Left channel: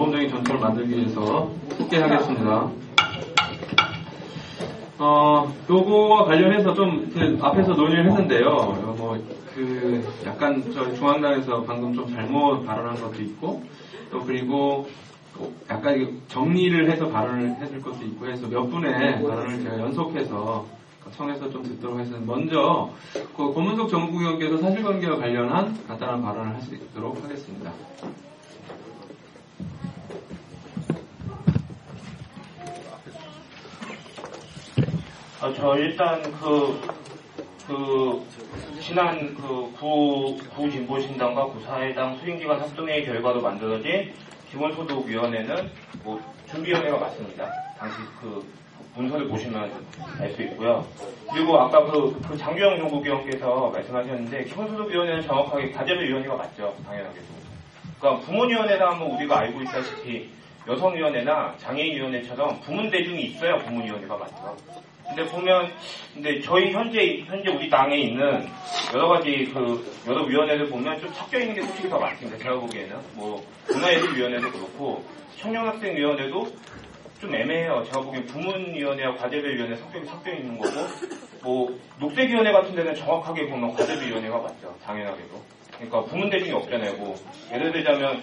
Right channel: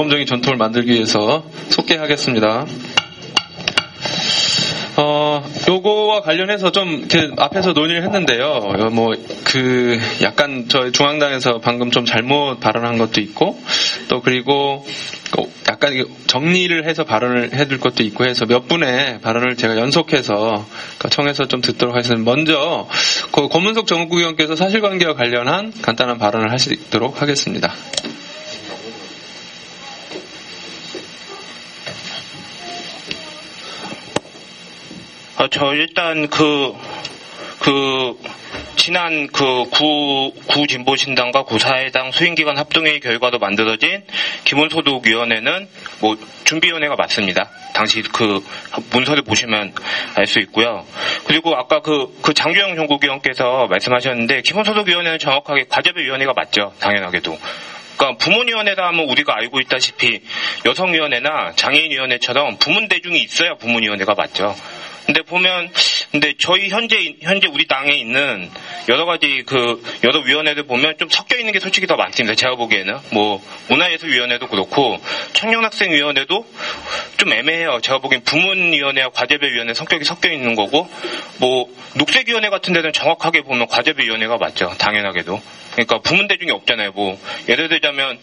모범적인 전통을 만들기 위해서 속개하겠습니다. 요거와 관련해서 좀 이렇게 앞에서 논의를 했는데요. 약간 저희 중앙당에서 방금 좀 잘못 발언한 것도 있고, 또 그리고 약간 정리를 해서 발언을 해둘 것도 있고 해서 몇 분의 발언을 제가 연속해서 청해서 좀 듣도록 하겠습니다. 먼저 권문석 정국위원께서 사실관계와 관련한 간단한 발언을 하시도록 하겠습니다. 저 일단 지난 구진보신당과 구사회당 수행기관 합동회의 결과로 만들어진 기본소득위원회는 준비위원회가 맞습니다. 당시 문서를 보시면 알 수 있고요. 그리고 아까 장규영 정국위원께서 말씀하셨는데 기본소득위원회는 정확하게 과제별위원회가 맞죠. 당연하게도. 그러니까 부문위원회라 하면 우리가 알고 있다시피 여성위원회나 장애인위원회처럼 부문대중이 있어야 부문위원회가 맞죠. 근데 저희 현재 우리 당에 있는 여러 가지 여러 위원회들 보면 좀 섞여 있는 게 솔직히 더 많습니다. 제가 보기에는 문화예술위원회도 그렇고 청년학생위원회도 좀 애매해요. 제가 보기엔 부문위원회와 과제별위원회 성격이 섞여 있는 거고 녹색위원회 같은 데는 정확하게 보면 과제별위원회가 맞죠. 당연하게도. 그러니까 부문대중이 없잖아요. 예를 들자면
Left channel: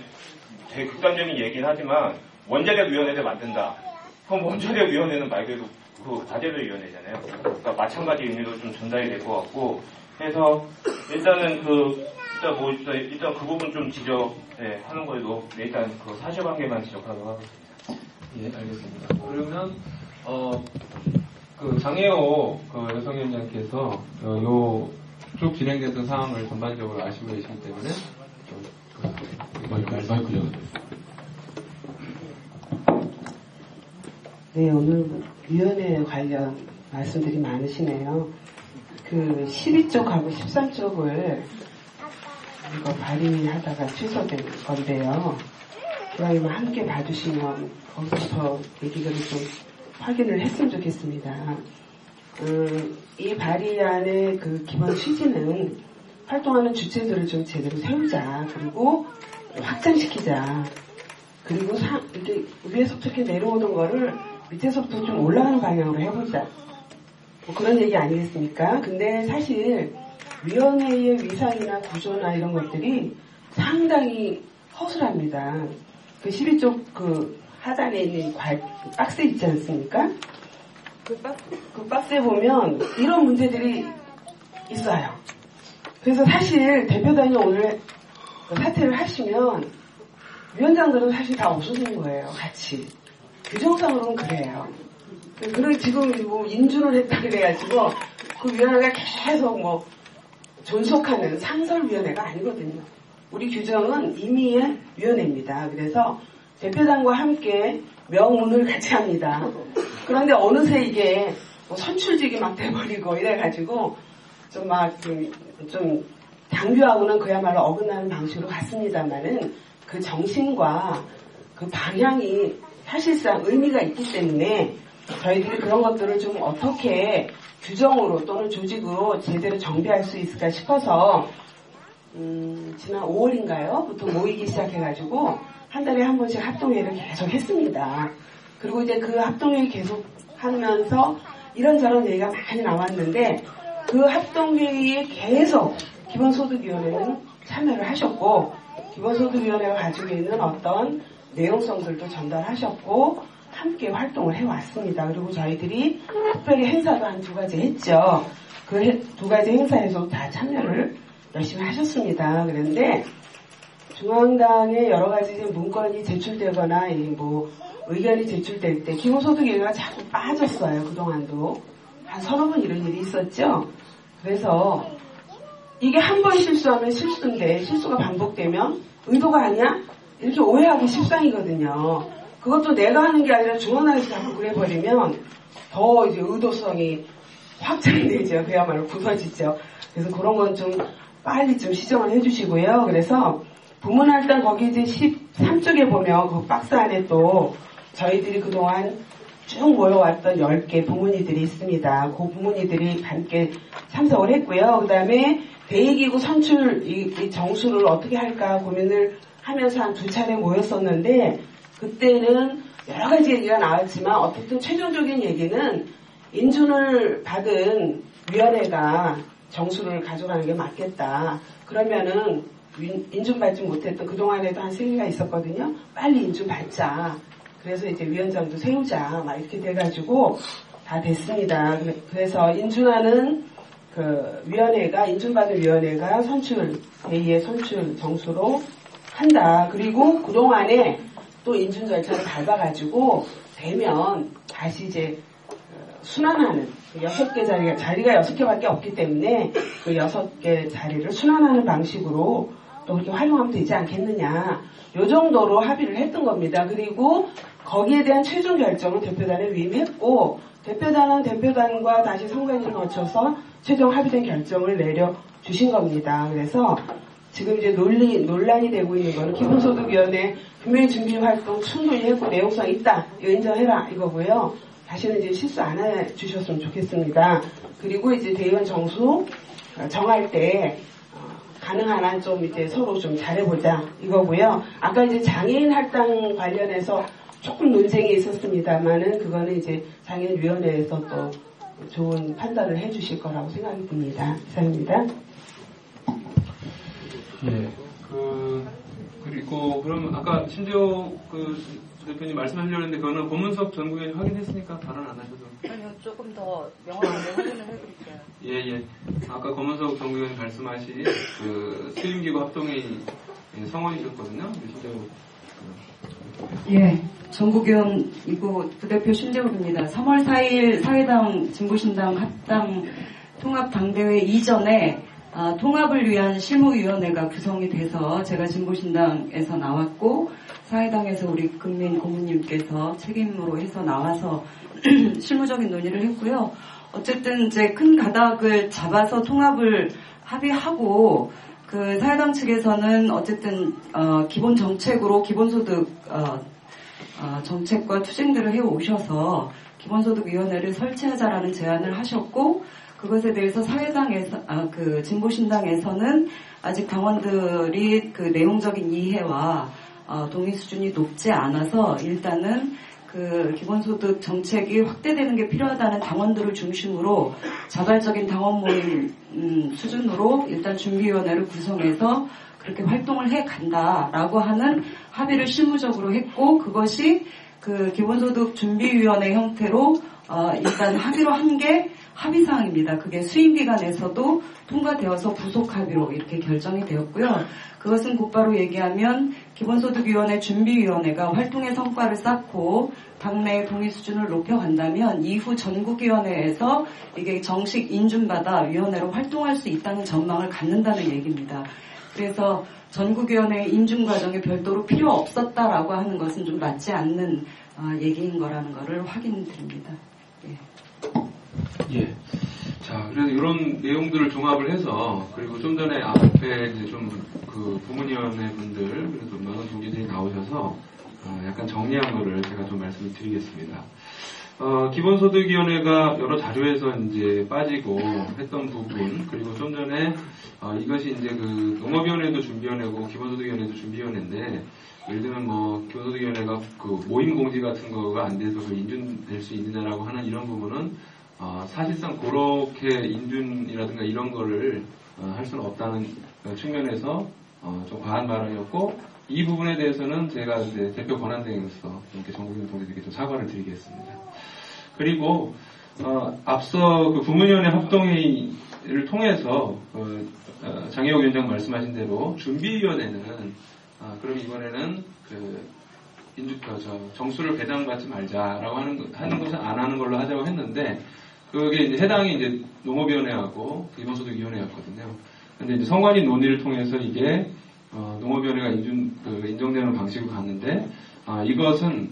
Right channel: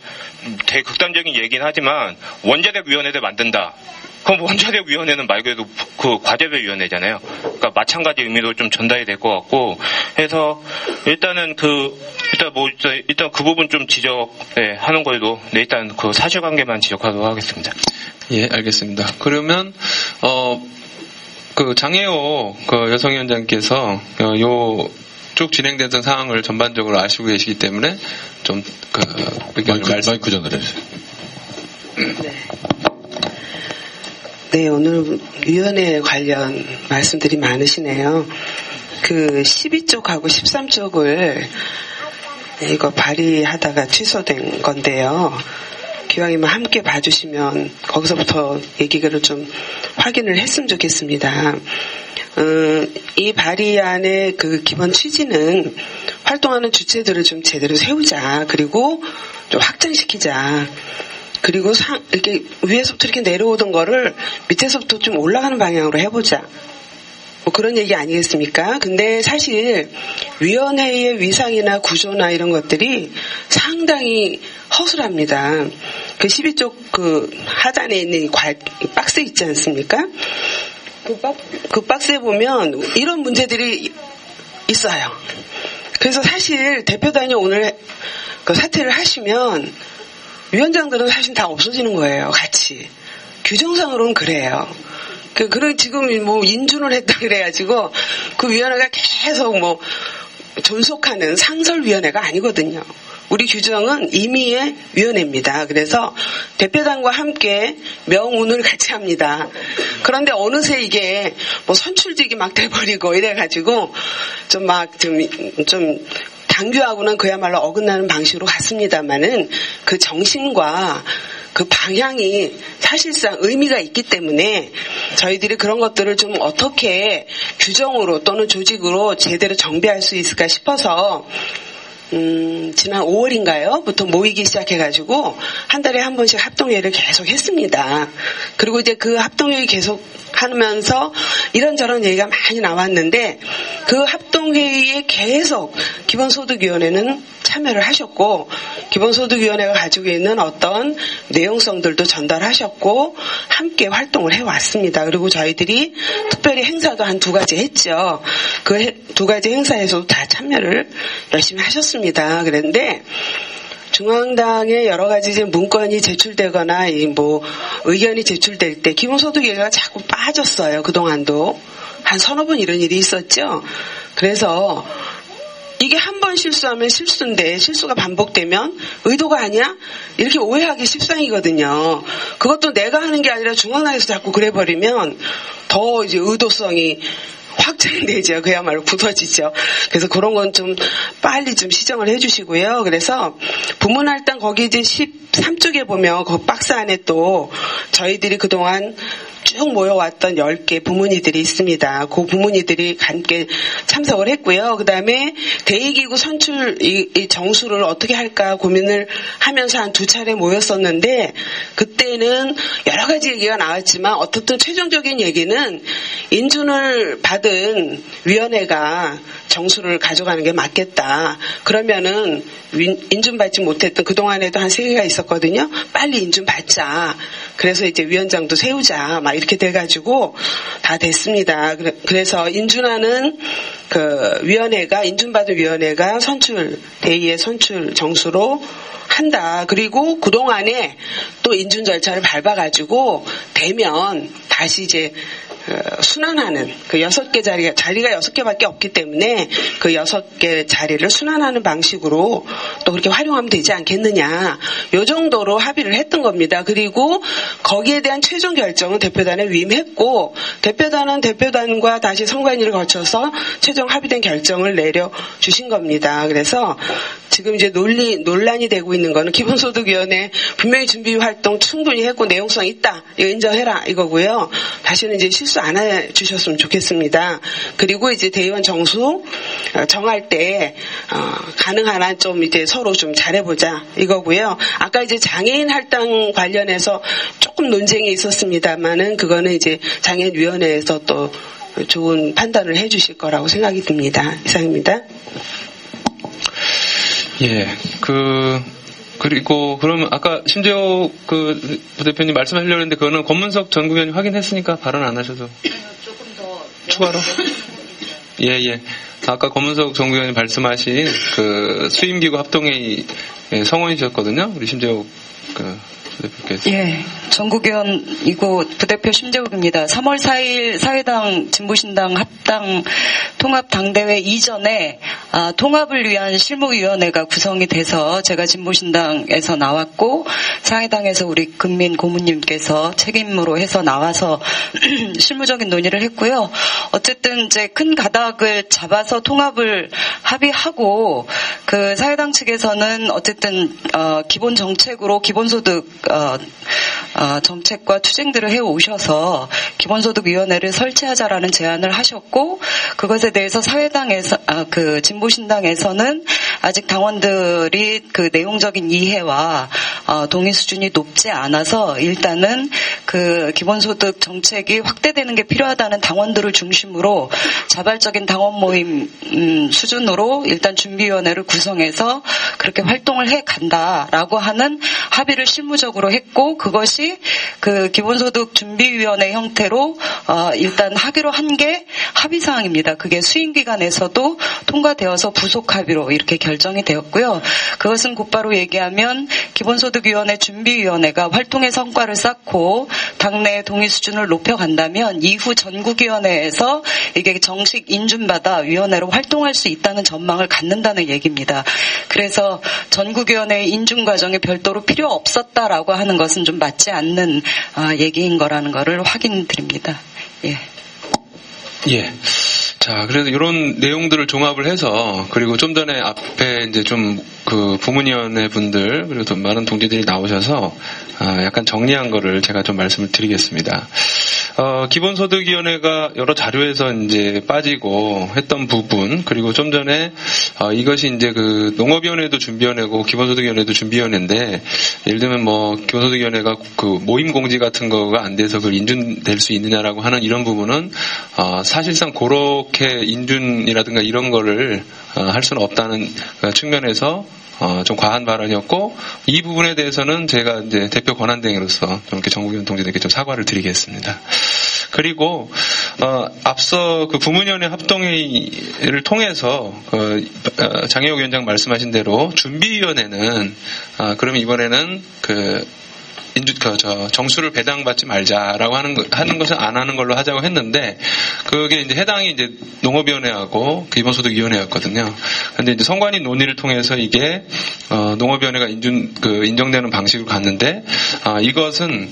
되게 극단적인 얘기는 하지만 원자력위원회를 만든다. 그럼 원자력위원회는 말 그대로 과제별위원회잖아요. 그러니까 마찬가지 의미로 좀 전달이 될 것 같고 해서 일단은 일단 그 부분 좀 지적하는 걸로 일단 사실관계만 지적하도록 하겠습니다. 예, 알겠습니다. 그러면 장혜호 여성위원장께서 쭉 진행된 상황을 전반적으로 아시고 계시기 때문에 좀 마이크 전달해주세요. 네. 네, 오늘 위원회 관련 말씀들이 많으시네요. 12쪽하고 13쪽을 이거 발의하다가 취소된 건데요. 기왕이면 함께 봐주시면 거기서부터 얘기를 좀 확인을 했으면 좋겠습니다. 이 발의안의 기본 취지는 활동하는 주체들을 좀 제대로 세우자. 그리고 좀 확장시키자. 그리고 이렇게 위에서부터 이렇게 내려오던 거를 밑에서부터 좀 올라가는 방향으로 해보자. 그런 얘기 아니겠습니까? 근데 사실 위원회의 위상이나 구조나 이런 것들이 상당히 허술합니다. 12쪽 하단에 있는 박스 있지 않습니까? 그 박스에 보면 이런 문제들이 있어요. 그래서 사실 대표단이 오늘 사퇴를 하시면 위원장들은 사실 다 없어지는 거예요, 같이. 규정상으로는 그래요. 지금 인준을 했다 그래가지고 그 위원회가 계속 존속하는 상설위원회가 아니거든요. 우리 규정은 임의의 위원회입니다. 그래서 대표단과 함께 명운을 같이 합니다. 그런데 어느새 이게 선출직이 막 돼버리고 이래가지고 좀 당규하고는 그야말로 어긋나는 방식으로 갔습니다만은 그 정신과 그 방향이 사실상 의미가 있기 때문에 저희들이 그런 것들을 좀 어떻게 규정으로 또는 조직으로 제대로 정비할 수 있을까 싶어서 지난 5월인가요?부터 모이기 시작해가지고 한 달에 한 번씩 합동회의를 계속 했습니다. 그리고 이제 그 합동회의 계속 하면서 이런저런 얘기가 많이 나왔는데 그 합동회의에 계속 기본소득위원회는 참여를 하셨고 기본소득위원회가 가지고 있는 어떤 내용성들도 전달하셨고 함께 활동을 해왔습니다. 그리고 저희들이 특별히 행사도 한 2가지 했죠. 그 2가지 행사에서도 다 참여를 열심히 하셨습니다. 그런데 중앙당에 여러 가지 문건이 제출되거나 의견이 제출될 때 기본소득위가 자꾸 빠졌어요. 그동안도 한 서너 번 이런 일이 있었죠. 그래서 이게 한 번 실수하면 실수인데 실수가 반복되면 의도가 아니야? 이렇게 오해하기 십상이거든요. 그것도 내가 하는 게 아니라 중앙당에서 자꾸 그래버리면 더 이제 의도성이 확장되죠. 그야말로 굳어지죠. 그래서 그런 건 좀 빨리 좀 시정을 해주시고요. 그래서 부문할당 거기 이제 13쪽에 보면 그 박스 안에 또 저희들이 그동안 쭉 모여왔던 10개 부문의들이 있습니다. 그 부문의들이 함께 참석을 했고요. 그 다음에 대의기구 선출 이 정수를 어떻게 할까 고민을 하면서 한 2차례 모였었는데 그때는 여러 가지 얘기가 나왔지만 어떻든 최종적인 얘기는 인준을 받은 위원회가 정수를 가져가는 게 맞겠다. 그러면은 인준받지 못했던 그동안에도 한 3개가 있었거든요. 빨리 인준받자. 그래서 이제 위원장도 세우자. 막 이렇게 돼가지고 다 됐습니다. 그래서 인준하는 그 위원회가, 인준받은 위원회가 대의의 선출 정수로 한다. 그리고 그동안에 또 인준 절차를 밟아가지고 되면 다시 이제 순환하는 그 6개 자리가 6개밖에 없기 때문에 그 6개 자리를 순환하는 방식으로 또 그렇게 활용하면 되지 않겠느냐. 요 정도로 합의를 했던 겁니다. 그리고 거기에 대한 최종 결정은 대표단에 위임했고 대표단은 대표단과 다시 선관위를 거쳐서 최종 합의된 결정을 내려주신 겁니다. 그래서 지금 이제 논란이 되고 있는 거는 기본소득위원회 분명히 준비 활동 충분히 했고 내용성 있다. 이거 인정해라 이거고요. 다시는 이제 실수 안 해주셨으면 좋겠습니다. 그리고 이제 대의원 정수 정할 때 가능한 한 좀 이제 서로 좀 잘해보자 이거고요. 아까 이제 장애인 할당 관련해서 조금 논쟁이 있었습니다만은 그거는 이제 장애인위원회에서 또 좋은 판단을 해주실 거라고 생각이 듭니다. 이상입니다. 예, 그리고 그러면 아까 심재호 부대표님 말씀하시려고 했는데 그거는 권문석 전 국회의원이 확인했으니까 발언 안 하셔도. 조금 더 추가로? 예. 아까 권문석 전 국회의원이 말씀하신 그 수임기구 합동회의 성원이셨거든요. 우리 심재호 부대표께서. 예, 전국위원이고 부대표 심재욱입니다. 3월 4일 사회당 진보신당 합당 통합당대회 이전에 통합을 위한 실무위원회가 구성이 돼서 제가 진보신당에서 나왔고 사회당에서 우리 금민 고문님께서 책임으로 해서 나와서 실무적인 논의를 했고요. 어쨌든 이제 큰 가닥을 잡아서 통합을 합의하고 그 사회당 측에서는 어쨌든 기본 정책으로 기본소득 정책과 투쟁들을 해오셔서 기본소득위원회를 설치하자라는 제안을 하셨고 그것에 대해서 사회당에서 그 진보신당에서는 아직 당원들이 그 내용적인 이해와 동의 수준이 높지 않아서 일단은 그 기본소득 정책이 확대되는 게 필요하다는 당원들을 중심으로 자발적인 당원 모임 수준으로 일단 준비위원회를 구성해서 그렇게 활동을 해 간다라고 하는 합의를 실무적으로 했고 그것이 그 기본소득 준비위원회 형태로 일단 하기로 한 게 합의사항입니다. 그게 수임기관에서도 통과되어서 부속 합의로 이렇게 결정이 되었고요. 그것은 곧바로 얘기하면 기본소득위원회 준비위원회가 활동의 성과를 쌓고 당내 동의 수준을 높여간다면 이후 전국위원회에서 이게 정식 인준받아 위원회로 활동할 수 있다는 전망을 갖는다는 얘기입니다. 그래서 전국위원회 인준 과정에 별도로 필요 없었다라고 하는 것은 좀 맞지 않는 얘기인 거라는 거를 확인드립니다. 예. 예. 자, 그래서 이런 내용들을 종합을 해서 그리고 좀 전에 앞에 이제 좀 그 부문위원회 분들 그리고 또 많은 동지들이 나오셔서 약간 정리한 거를 제가 좀 말씀을 드리겠습니다. 기본소득위원회가 여러 자료에서 이제 빠지고 했던 부분 그리고 좀 전에 이것이 이제 그 농업위원회도 준비위원회고 기본소득위원회도 준비위원회인데 예를 들면 뭐 기본소득위원회가 그 모임 공지 같은 거가 안 돼서 그걸 인준될 수 있느냐라고 하는 이런 부분은 사실상 그렇게 인준이라든가 이런 거를 할 수는 없다는 측면에서 좀 과한 발언이었고 이 부분에 대해서는 제가 이제 대표 권한대행으로서 좀 이렇게 전국위원 동지들께 좀 사과를 드리겠습니다. 그리고 앞서 그 부문위원회 합동회의를 통해서 장혜옥 위원장 말씀하신 대로 준비위원회는 그러면 이번에는 정수를 배당받지 말자라고 하는 것은 안 하는 걸로 하자고 했는데, 그게 이제 해당이 이제 농업위원회하고 기본소득위원회였거든요. 근데 이제 선관위 논의를 통해서 이게, 농업위원회가 인정되는 방식으로 갔는데, 이것은,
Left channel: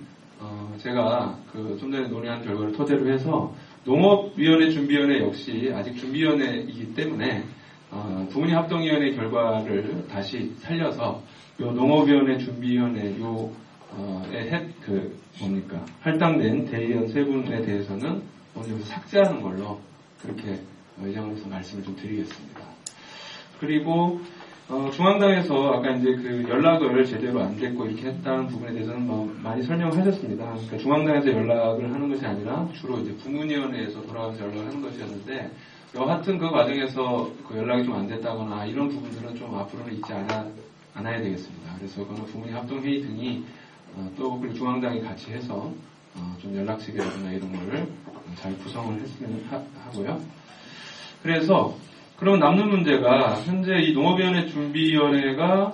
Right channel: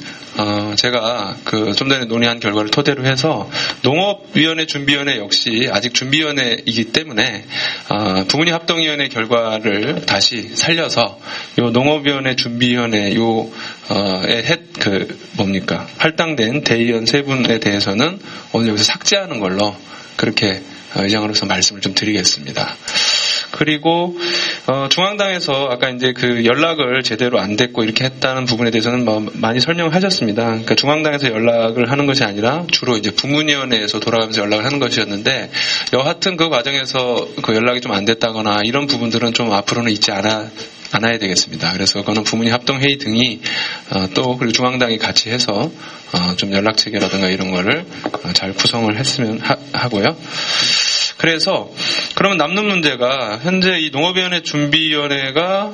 제가 좀 전에 논의한 결과를 토대로 해서 농업위원회 준비위원회 역시 아직 준비위원회이기 때문에 부문위 합동위원회 결과를 다시 살려서 요 농업위원회 준비위원회 할당된 대의원 세 분에 대해서는 오늘 여기서 삭제하는 걸로 그렇게 의장으로서 말씀을 좀 드리겠습니다. 그리고 중앙당에서 아까 이제 연락을 제대로 안 됐고 이렇게 했다는 부분에 대해서는 많이 설명하셨습니다. 그러니까 중앙당에서 연락을 하는 것이 아니라 주로 이제 부문위원회에서 돌아가면서 연락을 하는 것이었는데 여하튼 그 과정에서 연락이 좀 안 됐다거나 이런 부분들은 좀 앞으로는 있지 않아야 되겠습니다. 그래서 그거는 부문위 합동회의 등이 또 그리고 중앙당이 같이 해서 좀 연락 체계라든가 이런 거를 잘 구성을 했으면 하고요. 그래서 그러면 남는 문제가 현재 이 농업위원회 준비위원회가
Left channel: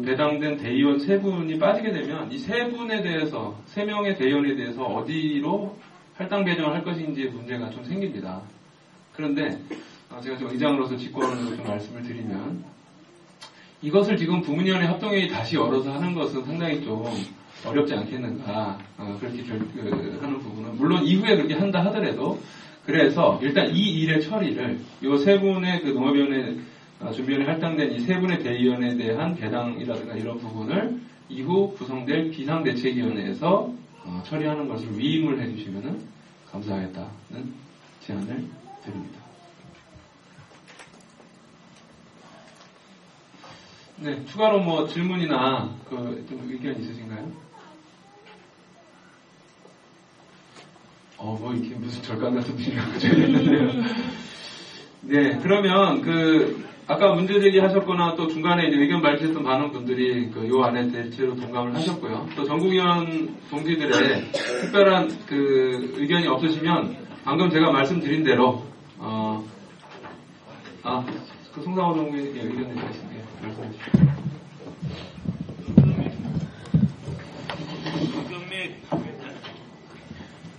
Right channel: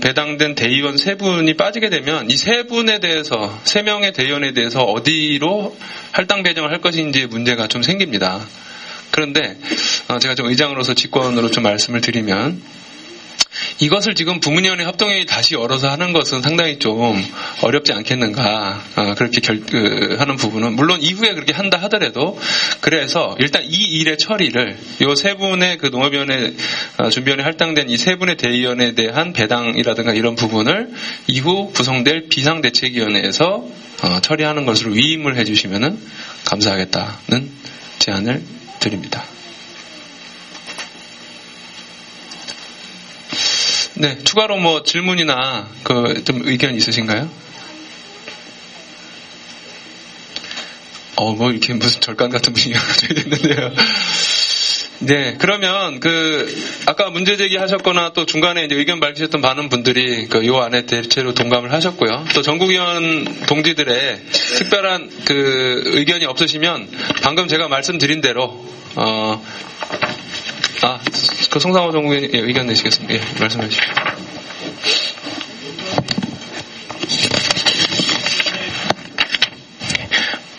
배당된 대의원 세 분이 빠지게 되면 이 세 분에 대해서 3명의 대의원에 대해서 어디로 할당 배정을 할 것인지의 문제가 좀 생깁니다. 그런데 제가 좀 의장으로서 직권으로 좀 말씀을 드리면 이것을 지금 부문위원회 합동회의 다시 열어서 하는 것은 상당히 좀 어렵지 않겠는가 그렇게 하는 부분은 물론 이후에 그렇게 한다 하더라도 그래서 일단 이 일의 처리를 이 세 분의 농업위원회 준비위원회 할당된 이 세 분의 대의원에 대한 배당이라든가 이런 부분을 이후 구성될 비상대책위원회에서 처리하는 것으로 위임을 해주시면은 감사하겠다는 제안을 드립니다. 네, 추가로 질문이나 좀 의견 있으신가요? 이렇게 무슨 절간 같은 분위기가 되겠는데요. 네, 그러면 아까 문제 제기하셨거나 또 중간에 이제 의견 밝히셨던 많은 분들이 요 안에 대체로 동감을 하셨고요. 또 전국위원 동지들의 특별한 의견이 없으시면 방금 제가 말씀드린 대로 송상호 전국위원님 의견 내시겠습니다. 예, 말씀해 주십시오.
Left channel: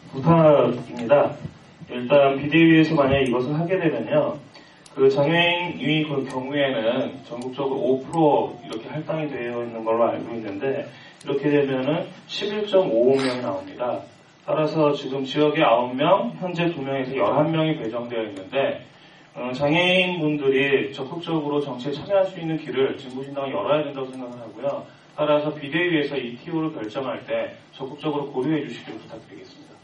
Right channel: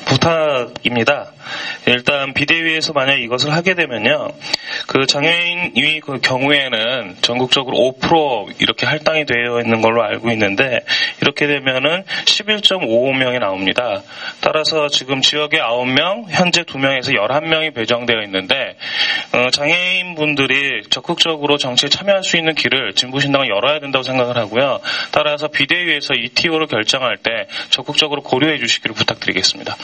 부탁입니다. 일단 비대위에서 만약에 이것을 하게 되면요. 장애인의 경우에는 전국적으로 5% 이렇게 할당이 되어 있는 걸로 알고 있는데 이렇게 되면은 11.55명이 나옵니다. 따라서 지금 지역에 9명, 현재 2명에서 11명이 배정되어 있는데 장애인분들이 적극적으로 정치에 참여할 수 있는 길을 진보신당은 열어야 된다고 생각을 하고요. 따라서 비대위에서 이 TO를 결정할 때 적극적으로 고려해 주시기를 부탁드리겠습니다.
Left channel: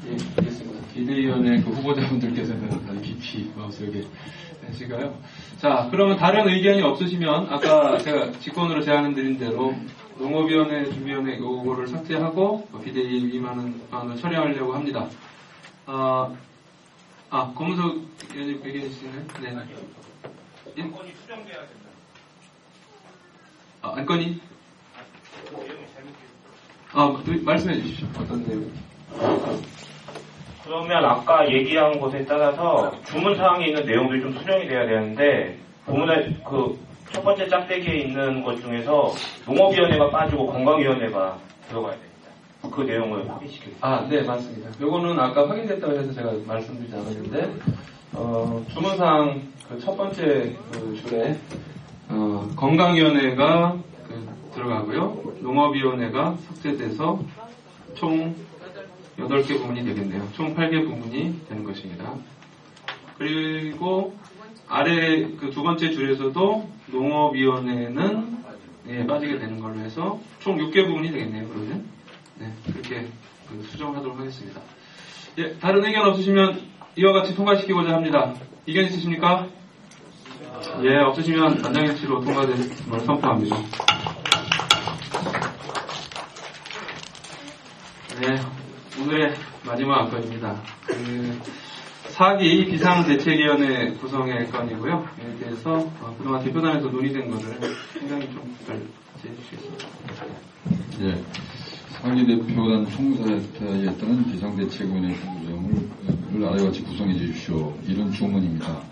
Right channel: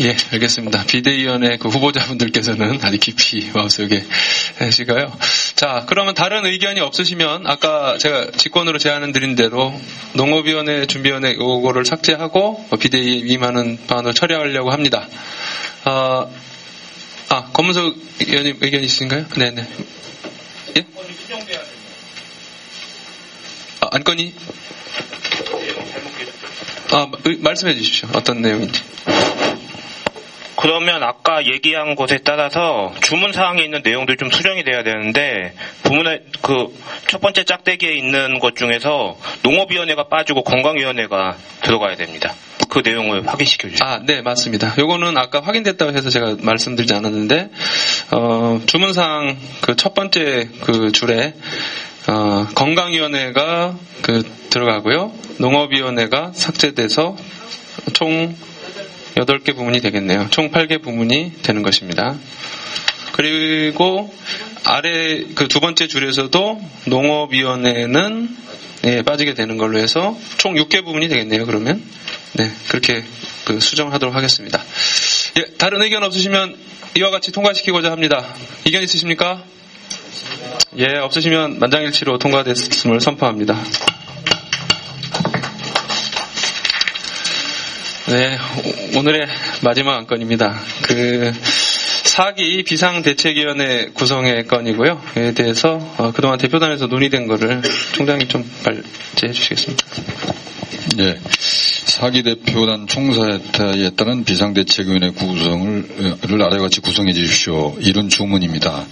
예, 알겠습니다. 비대위원회 후보자분들께서는 아주 깊이 마음속에 하시고요. 자, 그러면 다른 의견이 없으시면 아까 제가 직권으로 제안을 드린 대로 농업위원회, 준비위원회 요거를 삭제하고 비대위에 위임하는 방안을 처리하려고 합니다. 검은석 의원님 의견 있으신가요? 네네. 예? 안건이? 말씀해 주십시오. 어떤 내용인지. 그러면 아까 얘기한 것에 따라서 주문사항에 있는 내용들이 좀 수정이 돼야 되는데 부문의 첫 번째 짝대기에 있는 것 중에서 농업위원회가 빠지고 건강위원회가 들어가야 됩니다. 그 내용을 확인시켜 주시죠. 네, 맞습니다. 요거는 아까 확인됐다고 해서 제가 말씀드리지 않았는데 주문사항 첫 번째 줄에 건강위원회가 들어가고요. 농업위원회가 삭제돼서 총 8개 부문이 되겠네요. 총 8개 부문이 되는 것입니다. 그리고 아래 두 번째 줄에서도 농업위원회는 빠지게 되는 걸로 해서 총 6개 부문이 되겠네요. 그러면 네, 그렇게 수정하도록 하겠습니다. 예, 다른 의견 없으시면 이와 같이 통과시키고자 합니다. 의견 있으십니까? 예, 없으시면 만장일치로 통과됐음을 선포합니다. 네, 오늘의 마지막 안건입니다. 4기 비상대책위원회 구성의 건이고요. 에 대해서 그동안 대표단에서 논의된 거를 총장님 좀 발제해 주시겠습니다. 네, 4기 대표단 총사에 따른 비상대책위원회 구성을 아래와 같이 구성해 주십시오. 이런 주문입니다.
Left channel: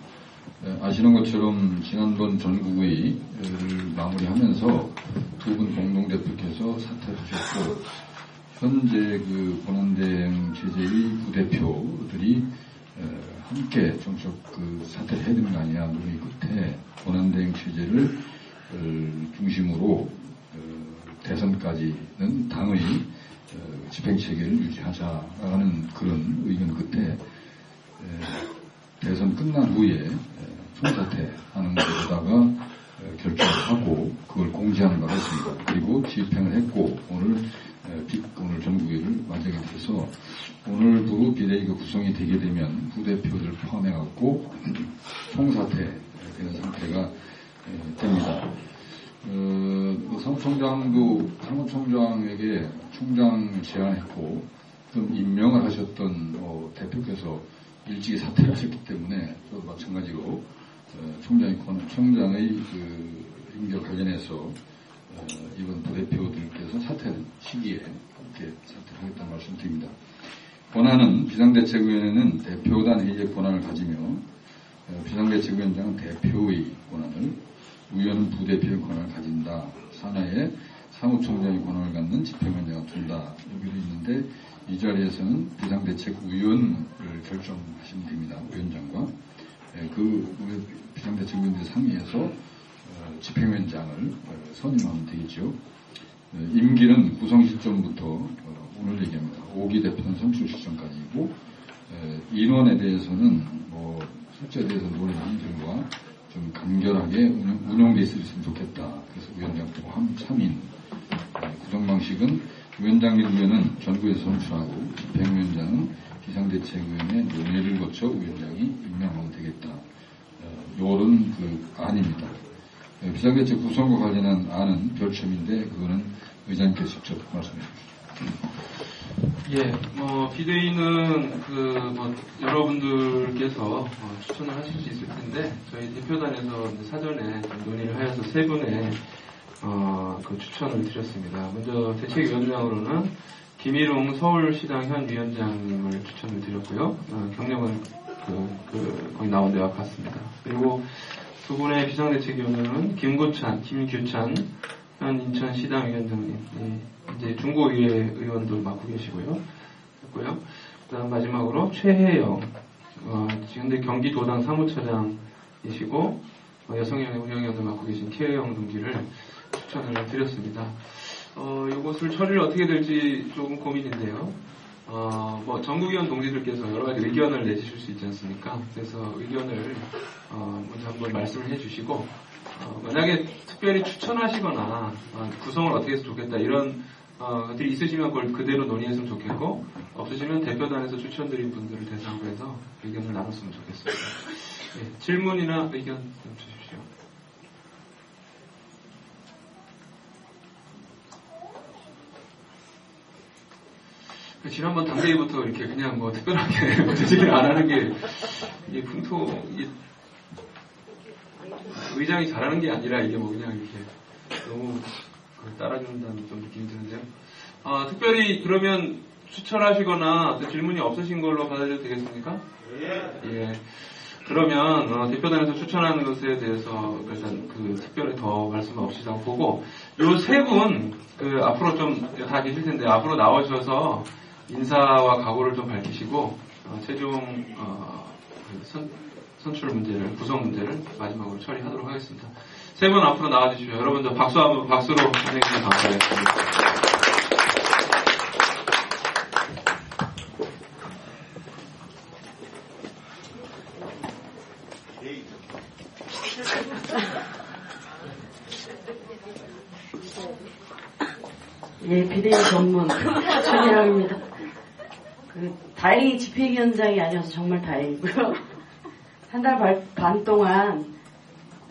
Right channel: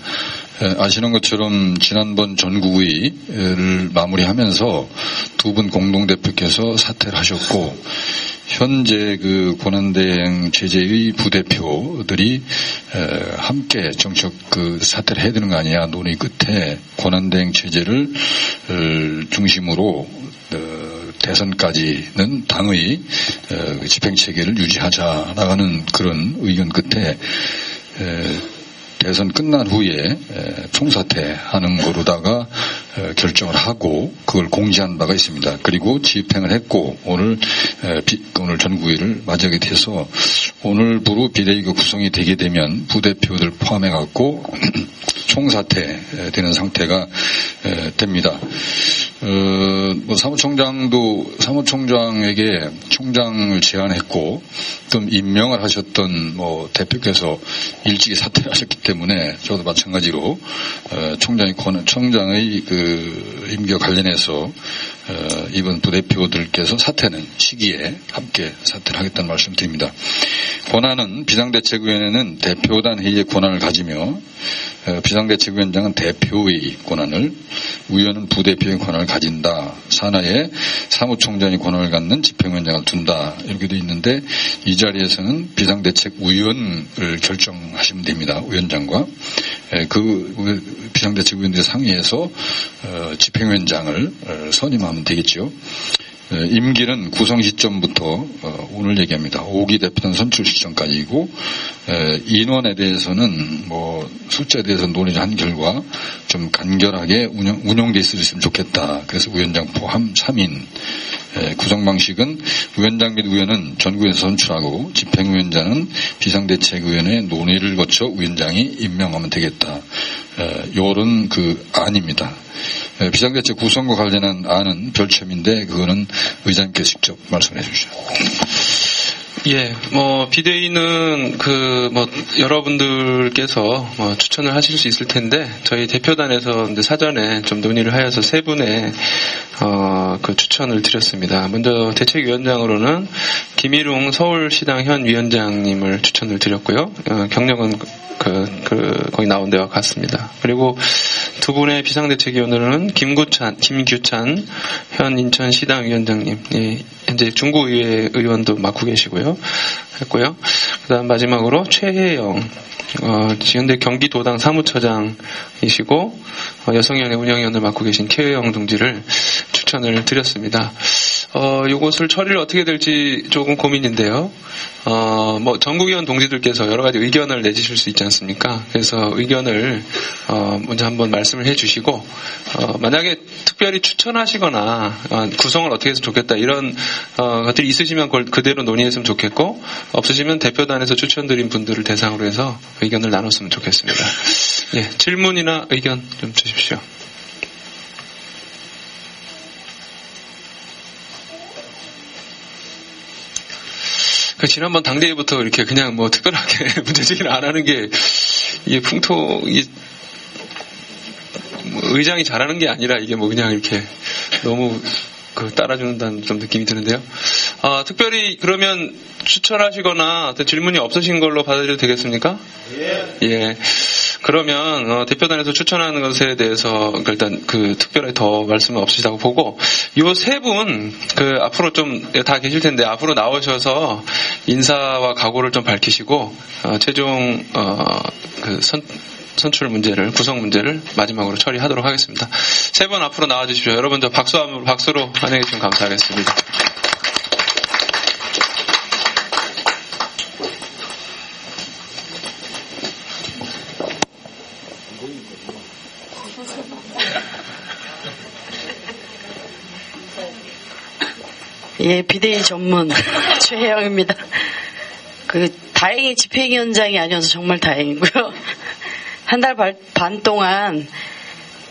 아시는 것처럼 지난번 전국의를 마무리하면서 두 분 공동대표께서 사퇴를 하셨고 현재 권한대행 체제의 부대표들이 함께 정책 사퇴를 해야 되는 거 아니냐 논의 끝에 권한대행 체제를 중심으로 대선까지는 당의 집행체계를 유지하자라는 그런 의견 끝에 대선 끝난 후에 총사퇴하는 거로다가 결정을 하고 그걸 공지한 바가 있습니다. 그리고 집행을 했고 오늘 전구위를 맞이하게 돼서 오늘부로 비대위가 구성이 되게 되면 부대표들 포함해갖고 총사퇴되는 상태가 됩니다. 사무총장에게 총장을 제안했고 또 임명을 하셨던 대표께서 일찍이 사퇴하셨기 때문에 저도 마찬가지로 총장의 그 임기와 관련해서 이번 부대표들께서 사퇴는 시기에 함께 사퇴를 하겠다는 말씀 드립니다. 권한은 비상대책위원회는 대표단 회의의 권한을 가지며 비상대책위원장은 대표의 권한을, 위원은 부대표의 권한을 가진다. 산하에 사무총장이 권한을 갖는 집행위원장을 둔다. 이렇게 되어 있는데 이 자리에서는 비상대책위원을 결정하시면 됩니다. 위원장과 그 비상대책위원들의 상의해서 집행위원장을 선임하면 되겠죠. 임기는 구성 시점부터 오늘 얘기합니다. 5기 대표단 선출 시점까지이고 인원에 대해서는 숫자에 대해서 논의를 한 결과 좀 간결하게 운영돼 있으면 좋겠다. 그래서 위원장 포함 3인 구성 방식은 위원장 및 위원은 전국에서 선출하고 집행위원장은 비상대책위원회 논의를 거쳐 위원장이 임명하면 되겠다. 요런 그 안입니다. 비상대책 구성과 관련한 안은 별첨인데 그거는 의장님께서 직접 말씀해 주시죠. 예, 비대위는 여러분들께서 추천을 하실 수 있을 텐데 저희 대표단에서 이제 사전에 좀 논의를 하여서 세 분의 그 추천을 드렸습니다. 먼저 대책위원장으로는 김일웅 서울시당 현 위원장님을 추천을 드렸고요. 경력은 거기 나온 데와 같습니다. 그리고 두 분의 비상대책위원으로는 김규찬 현 인천시당 위원장님, 현재 중구의회 의원도 맡고 계시고요. 했고요. 그다음 마지막으로 최혜영, 현재 경기도당 사무처장이시고 여성위원회 운영위원을 맡고 계신 최혜영 동지를 추천을 드렸습니다. 요것을 처리를 어떻게 될지 조금 고민인데요. 전국위원 동지들께서 여러 가지 의견을 내주실 수 있지 않습니까? 그래서 의견을 먼저 한번 말씀을 해주시고 만약에 특별히 추천하시거나 구성을 어떻게 해서 좋겠다 이런 것들이 있으시면 그걸 그대로 논의했으면 좋겠고 없으시면 대표단에서 추천드린 분들을 대상으로 해서 의견을 나눴으면 좋겠습니다. 예, 질문이나 의견 좀 주십시오. 지난번 당대회부터 이렇게 그냥 특별하게 문제제기를 안 하는 게, 이게 의장이 잘하는 게 아니라 이게 그냥 이렇게 너무 따라주는다는 좀 느낌이 드는데요. 특별히 그러면 추천하시거나 어떤 질문이 없으신 걸로 받아들여도 되겠습니까? 예. 그러면 대표단에서 추천하는 것에 대해서 일단 특별히 더 말씀은 없으시다고 보고 요 세 분 앞으로 좀 다 계실 텐데 앞으로 나오셔서 인사와 각오를 좀 밝히시고 최종 선출 문제를 구성 문제를 마지막으로 처리하도록 하겠습니다. 세 분 앞으로 나와주십시오. 여러분 저 박수로 환영해 주시면 감사하겠습니다. 예, 비대위 전문 최혜영입니다. 다행히 집행위원장이 아니어서 정말 다행이고요. 한 달 반 동안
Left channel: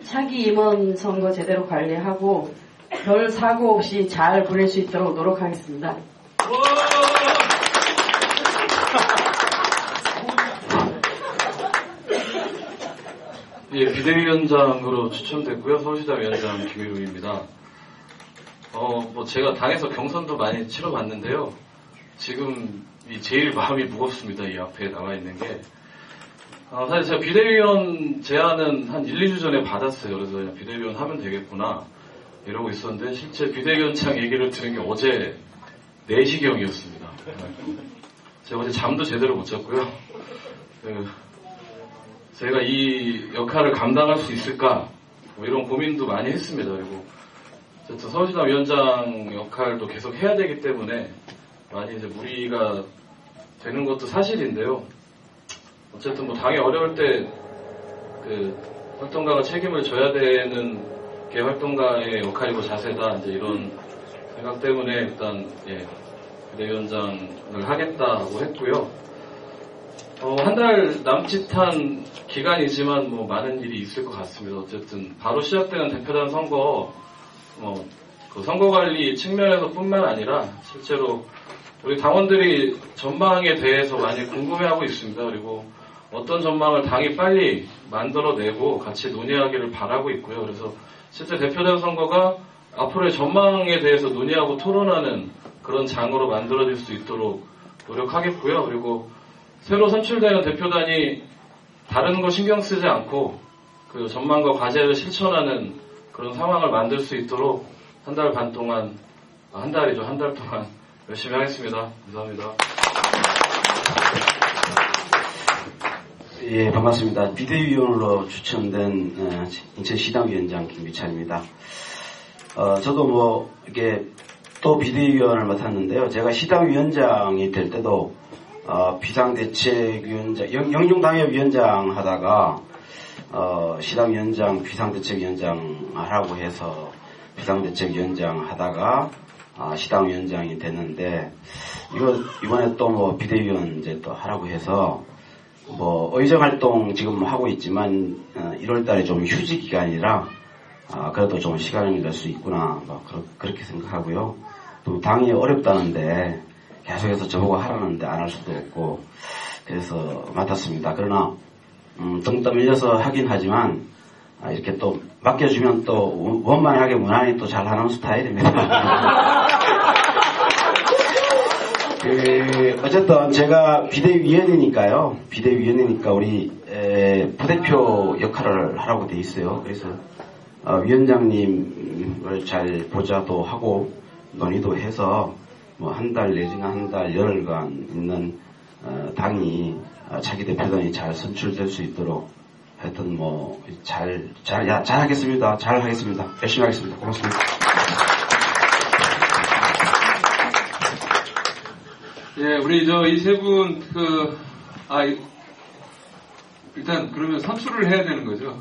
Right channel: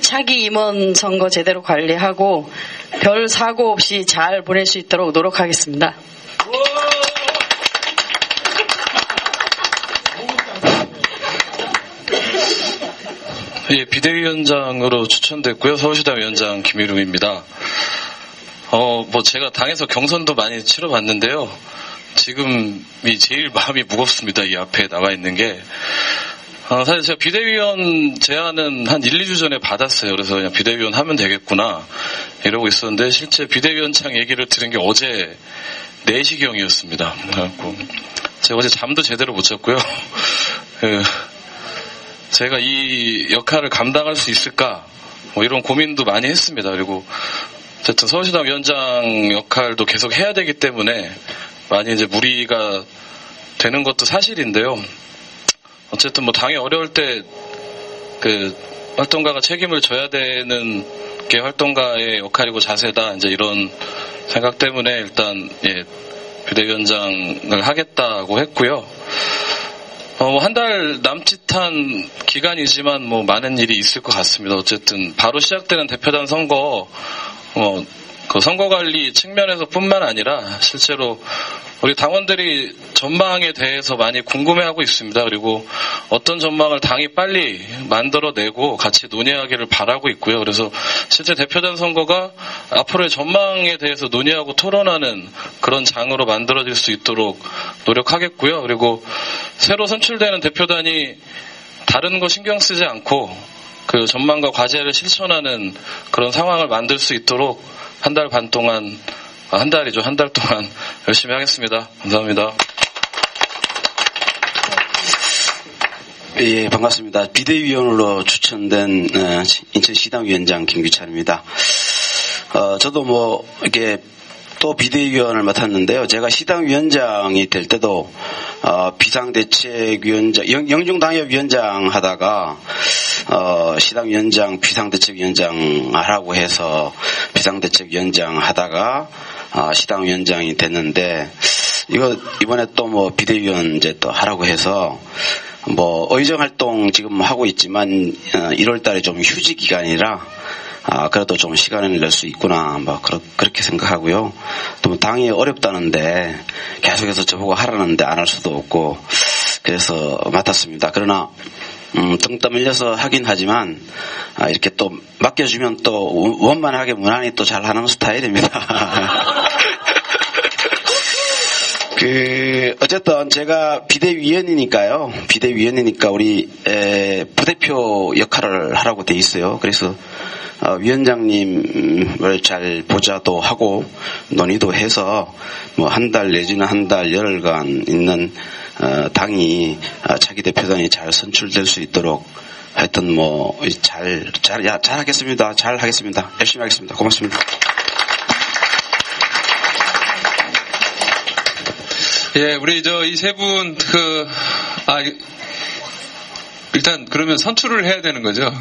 차기 임원 선거 제대로 관리하고 별 사고 없이 잘 보낼 수 있도록 노력하겠습니다. 예, 비대위원장으로 추천됐고요. 서울시당 위원장 김일웅입니다. 제가 당에서 경선도 많이 치러봤는데요. 지금이 제일 마음이 무겁습니다. 이 앞에 나와 있는 게. 사실 제가 비대위원 제안은 한 1, 2주 전에 받았어요. 그래서 그냥 비대위원 하면 되겠구나 이러고 있었는데 실제 비대위원장 얘기를 들은 게 어제 4시경이었습니다. 그래갖고 제가 어제 잠도 제대로 못 잤고요. 제가 이 역할을 감당할 수 있을까 이런 고민도 많이 했습니다. 그리고 어쨌든 서울시당 위원장 역할도 계속 해야 되기 때문에 많이 이제 무리가 되는 것도 사실인데요. 어쨌든 뭐 당이 어려울 때 그 활동가가 책임을 져야 되는 게 활동가의 역할이고 자세다. 이제 이런 생각 때문에 일단 비대위원장을 하겠다고 했고요. 한 달 남짓한 기간이지만 뭐 많은 일이 있을 것 같습니다. 어쨌든 바로 시작되는 대표단 선거, 그 선거 관리 측면에서 뿐만 아니라 실제로 우리 당원들이 전망에 대해서 많이 궁금해하고 있습니다. 그리고 어떤 전망을 당이 빨리 만들어내고 같이 논의하기를 바라고 있고요. 그래서 실제 대표단 선거가 앞으로의 전망에 대해서 논의하고 토론하는 그런 장으로 만들어질 수 있도록 노력하겠고요. 그리고 새로 선출되는 대표단이 다른 거 신경 쓰지 않고 그 전망과 과제를 실천하는 그런 상황을 만들 수 있도록 한 달 동안 열심히 하겠습니다. 감사합니다. 예, 반갑습니다. 비대위원으로 추천된 인천시당 위원장 김규찬입니다. 저도 뭐 이렇게 또 비대위원을 맡았는데요. 제가 시당 위원장이 될 때도 비상대책위원장, 영중당협위원장 하다가 시당 위원장, 비상대책위원장 하라고 해서 비상대책위원장 하다가 시당 위원장이 됐는데 이번에 또 뭐 비대위원 이제 또 하라고 해서 뭐 의정 활동 지금 하고 있지만 1월 달에 좀 휴지 기간이라 그래도 좀 시간을 낼 수 있구나 뭐 그렇게 생각하고요. 또 당이 어렵다는데 계속해서 저보고 하라는데 안 할 수도 없고 그래서 맡았습니다. 그러나 등 떠밀려서 하긴 하지만 이렇게 또 맡겨주면 또 원만하게 무난히 또 잘하는 스타일입니다. 어쨌든 제가 비대위원이니까 우리 부대표 역할을 하라고 돼 있어요. 그래서 위원장님을 잘 보좌도 하고 논의도 해서 뭐 한 달 내지는 한 달 열흘간 있는 당이 차기 대표단이 잘 선출될 수 있도록 하여튼 뭐 잘 하겠습니다. 잘 하겠습니다. 열심히 하겠습니다. 고맙습니다. 예, 우리 이 세 분 일단 그러면 선출을 해야 되는 거죠.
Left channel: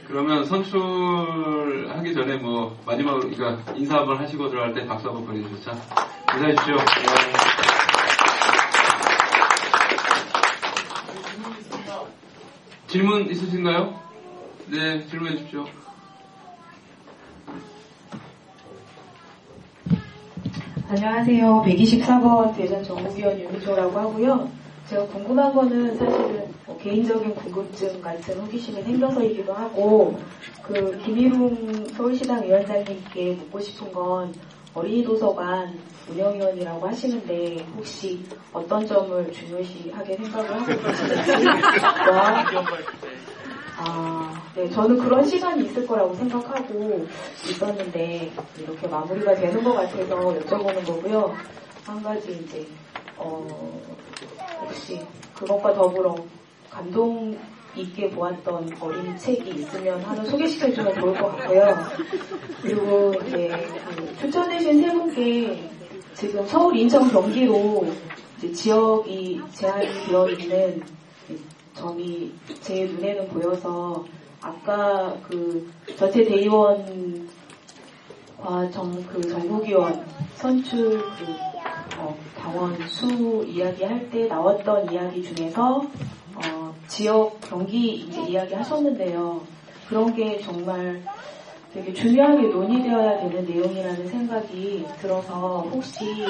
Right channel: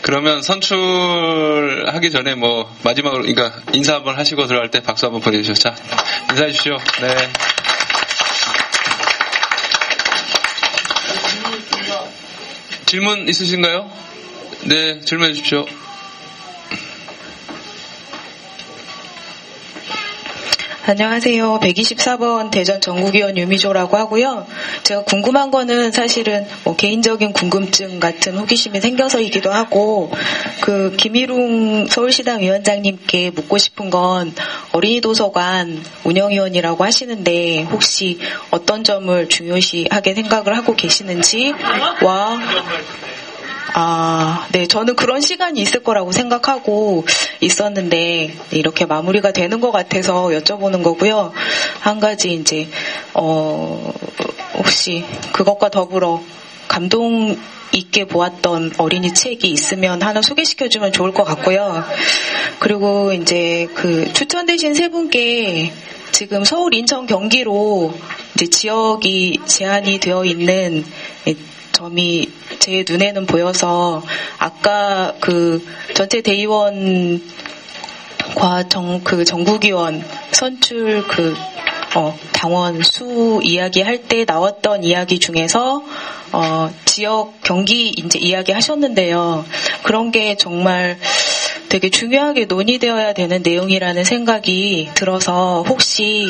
그러면 선출하기 전에 뭐 마지막으로 그러니까 인사 한번 하시고 들어갈 때 박수 한번 보내주시죠. 자, 인사해 주십시오. 네. 질문 있으신가요? 네, 질문해 주십시오. 안녕하세요. 124번 대전 전국위원 유미조라고 하고요. 제가 궁금한 거는 사실은 뭐 개인적인 궁금증 같은 호기심이 생겨서이기도 하고 그 김일웅 서울시당 위원장님께 묻고 싶은 건 어린이 도서관 운영위원이라고 하시는데 혹시 어떤 점을 중요시하게 생각을 하고 계시는지와 네, 저는 그런 시간이 있을 거라고 생각하고 있었는데 이렇게 마무리가 되는 것 같아서 여쭤보는 거고요. 한 가지 이제 혹시 그것과 더불어 감동 있게 보았던 어린이 책이 있으면 하나 소개시켜주면 좋을 것 같고요. 그리고 이제 그 추천되신 세 분께 지금 서울, 인천, 경기로 이제 지역이 제한이 되어 있는 점이 제 눈에는 보여서 아까 그 전체 대의원과 전국위원 선출 당원 수 이야기할 때 나왔던 이야기 중에서 지역 경기 이제 이야기 하셨는데요. 그런 게 정말 되게 중요하게 논의되어야 되는 내용이라는 생각이 들어서 혹시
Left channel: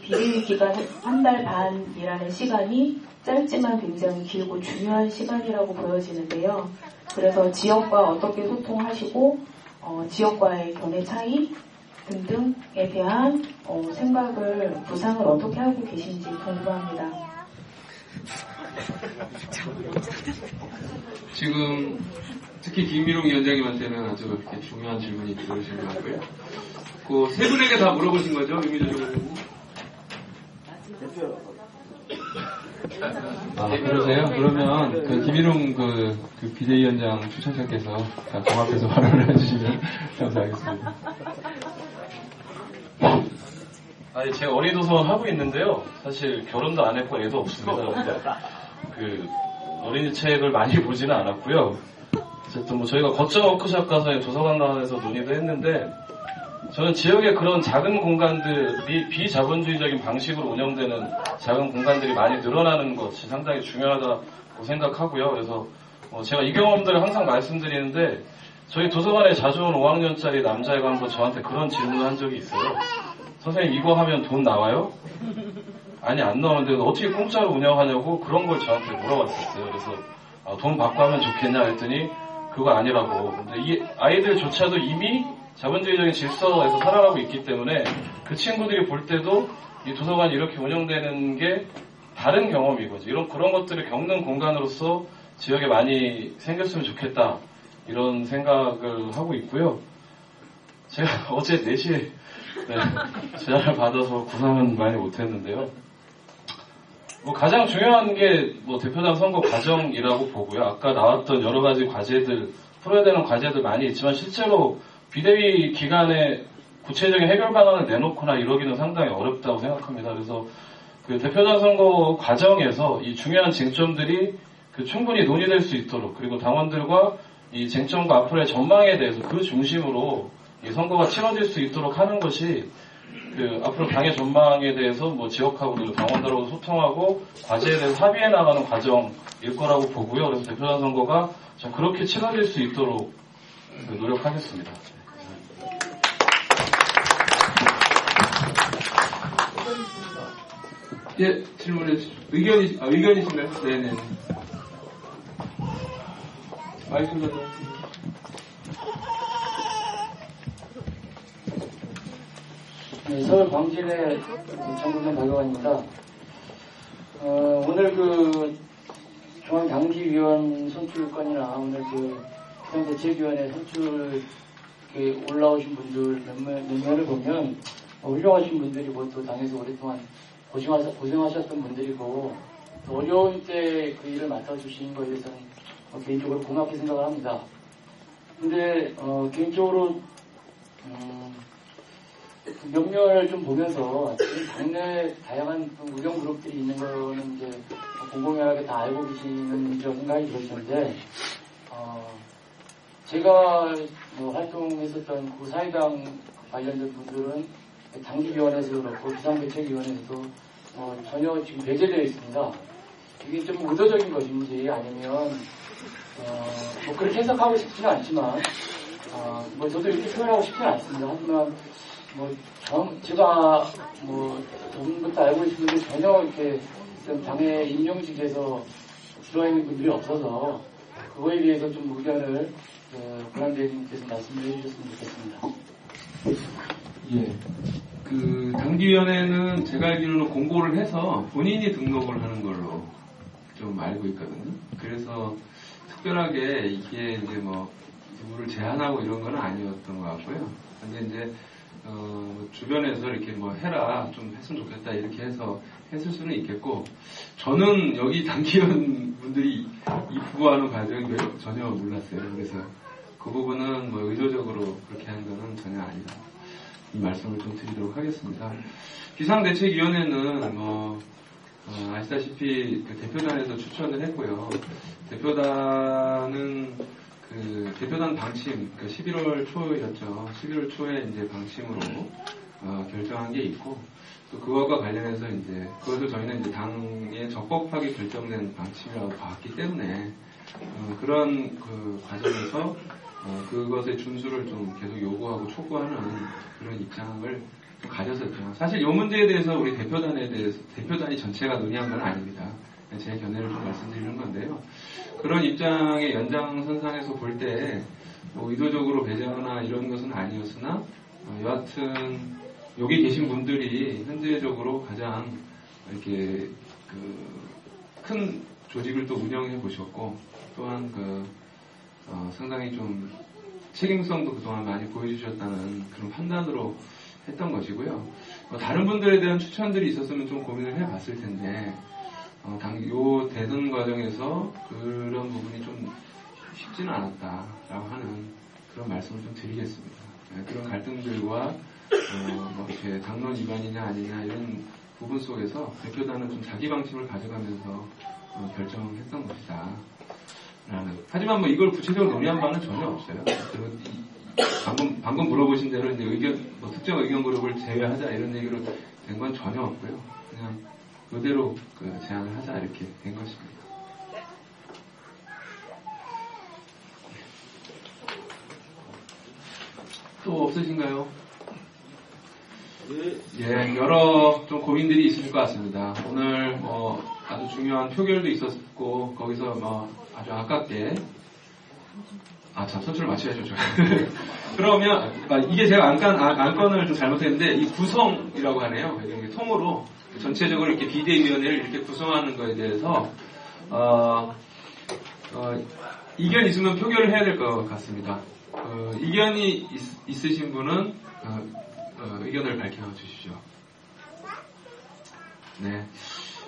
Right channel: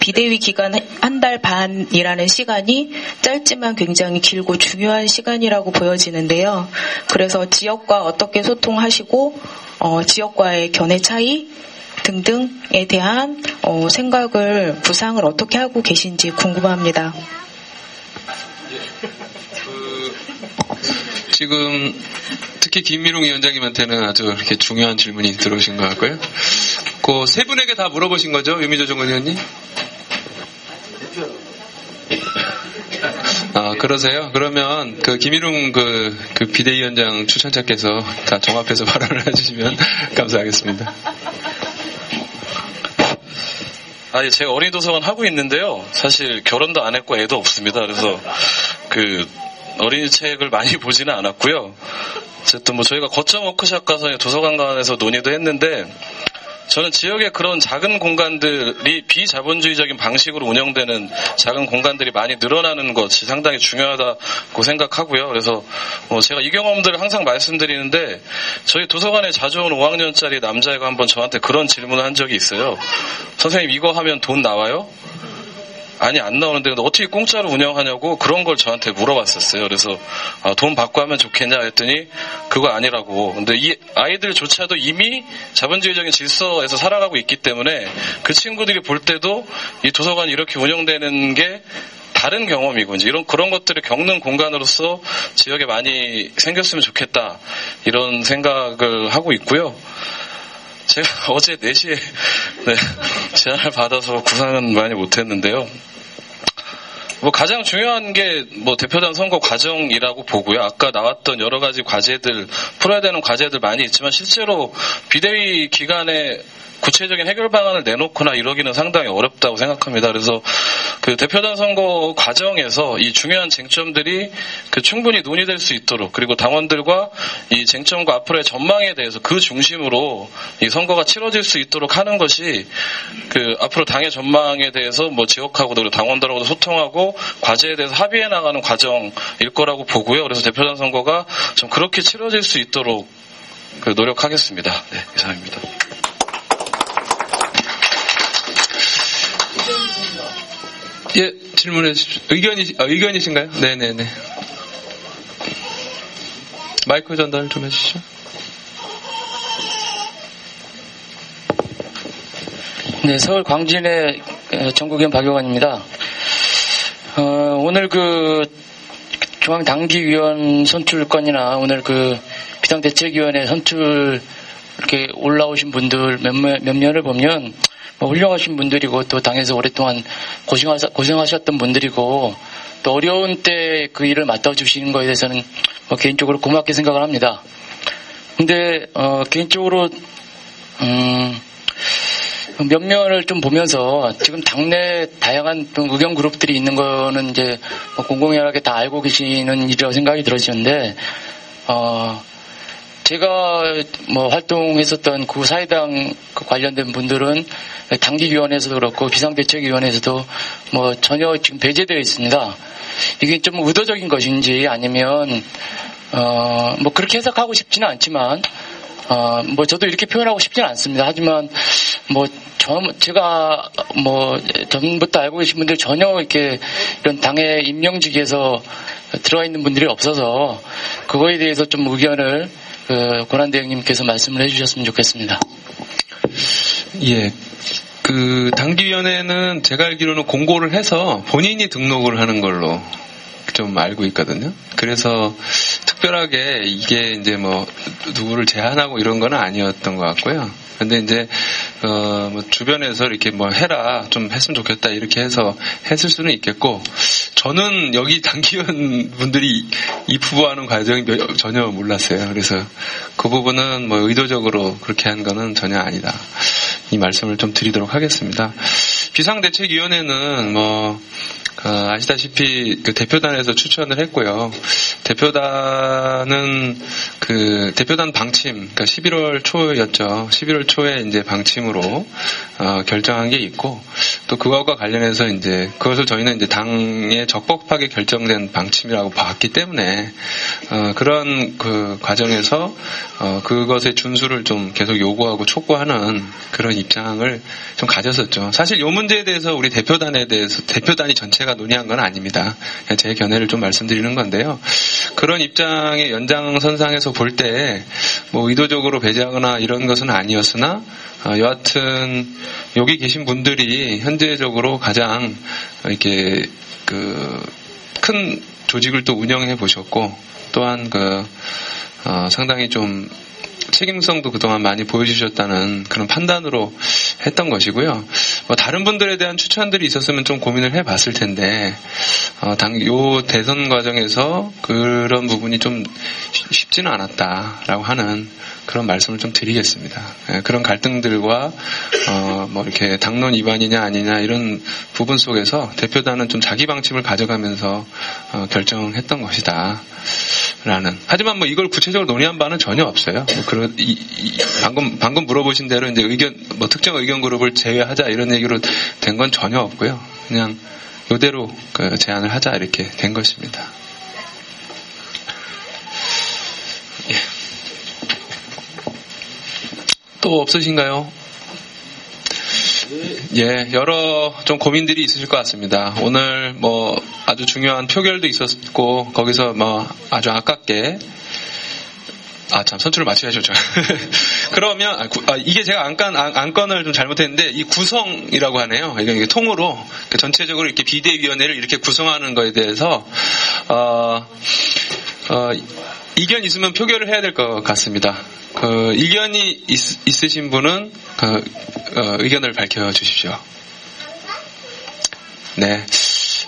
비대위 기간 한 달 반이라는 시간이 짧지만 굉장히 길고 중요한 시간이라고 보여지는데요. 그래서 지역과 어떻게 소통하시고 지역과의 견해 차이 등등에 대한 생각을 구상을 어떻게 하고 계신지 궁금합니다. 지금 특히 김일웅 위원장님한테는 아주 이렇게 중요한 질문이 들어오신 것 같고요. 그 세 분에게 다 물어보신 거죠, 유미조 정건 의원님? 그러세요? 그러면 그 김일웅 그 비대위원장 추천자께서 다 종합해서 발언을 해주시면 감사하겠습니다. 아니, 제가 어린이 도서관 하고 있는데요. 사실 결혼도 안 했고 애도 없습니다. 그래서 어린이 책을 많이 보지는 않았고요. 어쨌든 뭐 저희가 거점 워크숍 가서 도서관에서 논의도 했는데, 저는 지역의 그런 작은 공간들이 비자본주의적인 방식으로 운영되는 작은 공간들이 많이 늘어나는 것이 상당히 중요하다고 생각하고요. 그래서 제가 이 경험들을 항상 말씀드리는데, 저희 도서관에 자주 온 5학년짜리 남자애가 한번 저한테 그런 질문을 한 적이 있어요. 선생님, 이거 하면 돈 나와요? 아니, 안 나오는데 어떻게 공짜로 운영하냐고 그런 걸 저한테 물어봤었어요. 그래서 돈 받고 하면 좋겠냐 했더니 그거 아니라고. 근데 이 아이들조차도 이미 자본주의적인 질서에서 살아가고 있기 때문에 그 친구들이 볼 때도 이 도서관이 이렇게 운영되는 게 다른 경험이고, 이제 그런 것들을 겪는 공간으로서 지역에 많이 생겼으면 좋겠다, 이런 생각을 하고 있고요. 제가 어제 4시에 제안을 받아서 구상은 많이 못했는데요. 가장 중요한 게 대표단 선거 과정이라고 보고요. 아까 나왔던 여러 가지 과제들, 풀어야 되는 과제들 많이 있지만 실제로 비대위 기간에 구체적인 해결 방안을 내놓거나 이러기는 상당히 어렵다고 생각합니다. 그래서 그 대표단 선거 과정에서 이 중요한 쟁점들이 충분히 논의될 수 있도록, 그리고 당원들과 이 쟁점과 앞으로의 전망에 대해서 그 중심으로 이 선거가 치러질 수 있도록 하는 것이 앞으로 당의 전망에 대해서 지역하고도 그리고 당원들하고도 소통하고 과제에 대해서 합의해 나가는 과정일 거라고 보고요. 그래서 대표단 선거가 좀 그렇게 치러질 수 있도록 노력하겠습니다. 네, 이상입니다. 예, 질문해 주십시오. 의견이신가요? 네네네. 마이크 전달 좀 해주시죠. 네, 서울 광진의 전국위원 박용환입니다. 오늘 중앙당기위원 선출건이나 오늘 비상대책위원회 선출 이렇게 올라오신 분들 몇몇을 보면 훌륭하신 분들이고, 또 당에서 오랫동안 고생하셨던 분들이고, 또 어려운 때 그 일을 맡아주시는 거에 대해서는 개인적으로 고맙게 생각을 합니다. 근데 개인적으로 면면을 좀 보면서 지금 당내 다양한 의견 그룹들이 있는 거는 이제 공공연하게 다 알고 계시는 일이라고 생각이 들어지는데, 제가 활동했었던 사회당 관련된 분들은 당기위원회에서도 그렇고 비상대책위원회에서도 전혀 지금 배제되어 있습니다. 이게 좀 의도적인 것인지 아니면 그렇게 해석하고 싶지는 않지만 저도 이렇게 표현하고 싶지는 않습니다. 하지만 제가 전부터 알고 계신 분들 전혀 이렇게 이런 당의 임명직에서 들어있는 분들이 없어서 그거에 대해서 좀 의견을 권한대행님께서 말씀을 해주셨으면 좋겠습니다. 예. 당기위원회는 제가 알기로는 공고를 해서 본인이 등록을 하는 걸로 좀 알고 있거든요. 그래서 특별하게 이게 이제 누구를 제한하고 이런 건 아니었던 것 같고요. 근데 이제 주변에서 이렇게 해라, 좀 했으면 좋겠다 이렇게 해서 했을 수는 있겠고, 저는 여기 당기위원 분들이 입후보하는 과정이 전혀 몰랐어요. 그래서 그 부분은 의도적으로 그렇게 한 거는 전혀 아니다, 이 말씀을 좀 드리도록 하겠습니다. 비상대책위원회는 아시다시피 대표단에서 추천을 했고요. 대표단은 대표단 방침, 11월 초였죠. 11월 초에 이제 방침으로 결정한 게 있고, 또 그것과 관련해서 이제 그것을 저희는 이제 당에 적법하게 결정된 방침이라고 봤기 때문에 그런 과정에서 그것의 준수를 좀 계속 요구하고 촉구하는 그런 입장을 좀 가졌었죠. 사실 이 문제에 대해서 우리 대표단이 전체가 논의한 건 아닙니다. 제 견해를 좀 말씀드리는 건데요. 그런 입장의 연장선상에서 볼 때 의도적으로 배제하거나 이런 것은 아니었으나, 여하튼 여기 계신 분들이 현재적으로 가장 이렇게 큰 조직을 또 운영해 보셨고, 또한 상당히 좀 책임성도 그동안 많이 보여주셨다는 그런 판단으로 했던 것이고요. 다른 분들에 대한 추천들이 있었으면 좀 고민을 해봤을 텐데, 요 대선 과정에서 그런 부분이 좀 쉽지는 않았다라고 하는 그런 말씀을 좀 드리겠습니다. 그런 갈등들과 뭐 이렇게 당론 위반이냐 아니냐 이런 부분 속에서 대표단은 좀 자기 방침을 가져가면서 결정했던 것이다. 라는. 하지만 뭐 이걸 구체적으로 논의한 바는 전혀 없어요. 방금 물어보신 대로 이제 뭐 특정 의견 그룹을 제외하자 이런 얘기로 된 건 전혀 없고요. 그냥 이대로 제안을 하자 이렇게 된 것입니다. 예. 또 없으신가요? 예, 여러 좀 고민들이 있으실 것 같습니다. 오늘 뭐 아주 중요한 표결도 있었고 거기서 뭐 아주 아깝게 선출을 맞춰야죠. 그러면 이게 제가 안건을 좀 잘못했는데 이 구성이라고 하네요. 이게 통으로 전체적으로 이렇게 비대위원회를 이렇게 구성하는 거에 대해서 이견 있으면 표결을 해야 될 것 같습니다. 이견이 있으신 분은 의견을 밝혀주십시오. 네.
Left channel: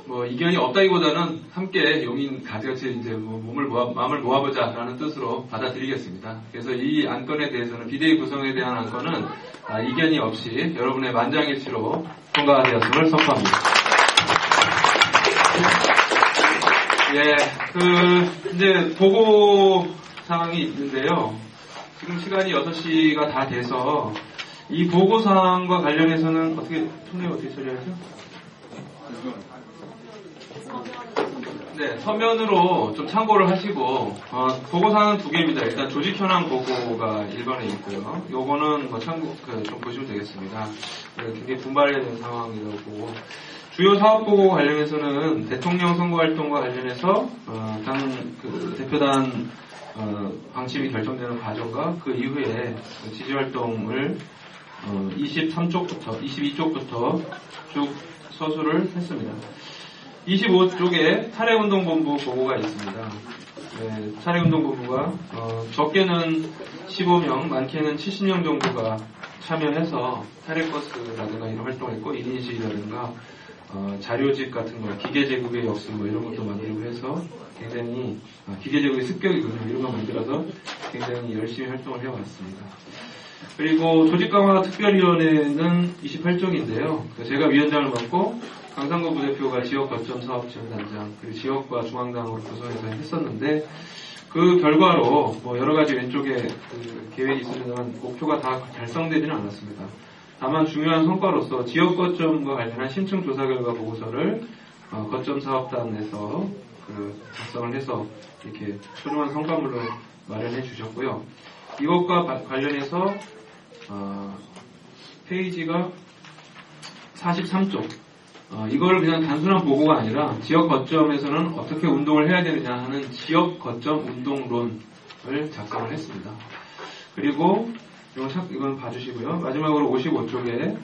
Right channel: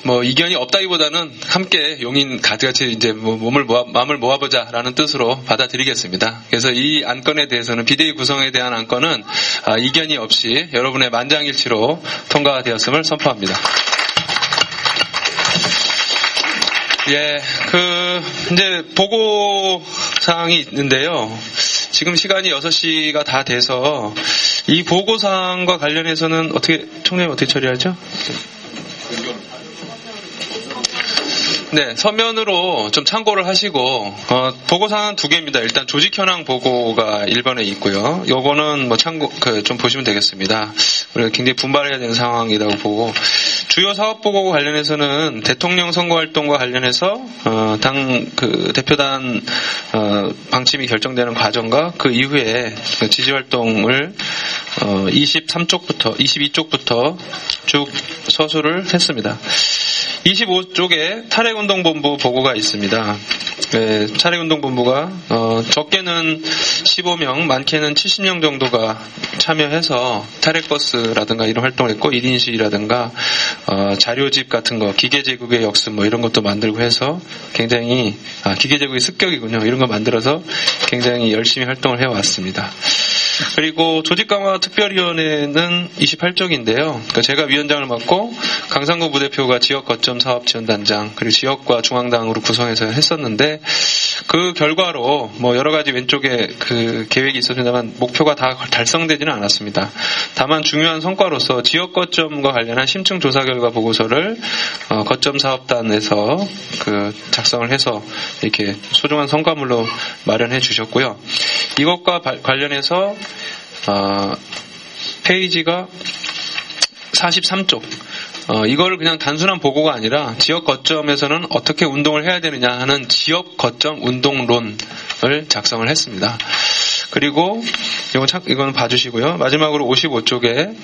뭐 이견이 없다기보다는 함께 용인 가지같이 이제 뭐 마음을 모아보자라는 뜻으로 받아들이겠습니다. 그래서 이 안건에 대해서는 비대위 구성에 대한 안건은 이견이 없이 여러분의 만장일치로 통과되었음을 선포합니다. 예, 이제 보고사항이 있는데요. 지금 시간이 6시가 다 돼서 이 보고사항과 관련해서는 총장님 어떻게 처리하죠? 네, 서면으로 좀 참고를 하시고, 보고사항 2개입니다. 일단 조직 현황 보고가 1번에 있고요. 요거는 뭐 좀 보시면 되겠습니다. 우리가 굉장히 분발해야 되는 상황이라고 보고, 주요 사업 보고 관련해서는 대통령 선거 활동과 관련해서, 대표단, 방침이 결정되는 과정과 그 이후에 지지 활동을, 22쪽부터 쭉 서술을 했습니다. 25쪽에 탈핵운동본부 보고가 있습니다. 네, 탈핵운동본부가 적게는 15명, 많게는 70명 정도가 참여해서 탈핵버스라든가 이런 활동을 했고 1인 시위라든가 자료집 같은 거, 기계제국의 역습 뭐 이런 것도 만들고 해서 굉장히 기계제국의 습격이군요. 이런 거 만들어서 굉장히 열심히 활동을 해왔습니다. 그리고 조직강화특별위원회는 28쪽인데요. 그러니까 제가 위원장을 맡고 강상구 부대표가 지역거점 사업지원단장 그리고 지역과 중앙당으로 구성해서 했었는데 그 결과로 뭐 여러 가지 왼쪽에 그 계획이 있었지만 목표가 다 달성되지는 않았습니다. 다만 중요한 성과로서 지역거점과 관련한 심층 조사 결과 보고서를 거점 사업단에서 작성을 해서 이렇게 소중한 성과물로 마련해 주셨고요. 이것과 관련해서 페이지가 43쪽. 이걸 그냥 단순한 보고가 아니라 지역 거점에서는 어떻게 운동을 해야 되느냐 하는 지역 거점 운동론을 작성을 했습니다. 그리고 이건 봐주시고요. 마지막으로 55쪽에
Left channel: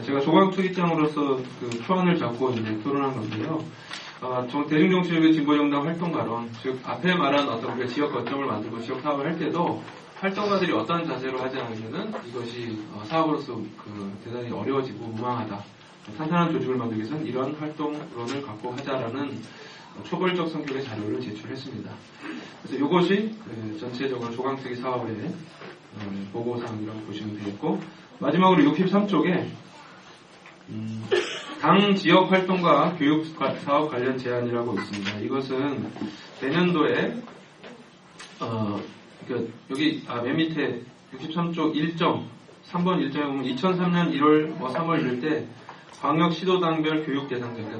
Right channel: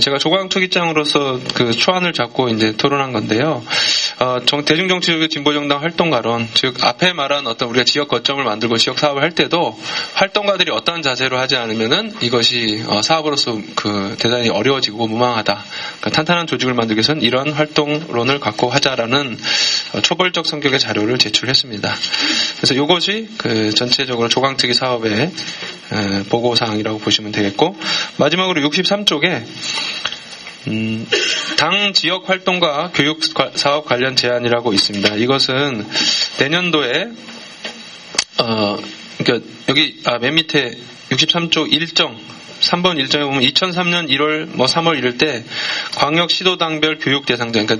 제가 조광특위장으로서 초안을 잡고 이제 토론한 건데요. 대중정치적인 진보정당 활동가론, 즉 앞에 말한 어떤 우리가 지역 거점을 만들고 지역 사업을 할 때도 활동가들이 어떠한 자세로 하지 않으면은 이것이 사업으로서 대단히 어려워지고 무망하다. 그러니까 탄탄한 조직을 만들기 위해서는 이런 활동론을 갖고 하자라는 초벌적 성격의 자료를 제출했습니다. 그래서 이것이 전체적으로 조광특위 사업의 보고사항이라고 보시면 되겠고, 마지막으로 63쪽에 당 지역 활동과 교육 사업 관련 제안이라고 있습니다. 이것은 내년도에 그러니까 여기 맨 밑에 63쪽 3번 일정에 보면 2003년 1월 3월 이럴 때 광역 시도당별 교육 대상자, 그러니까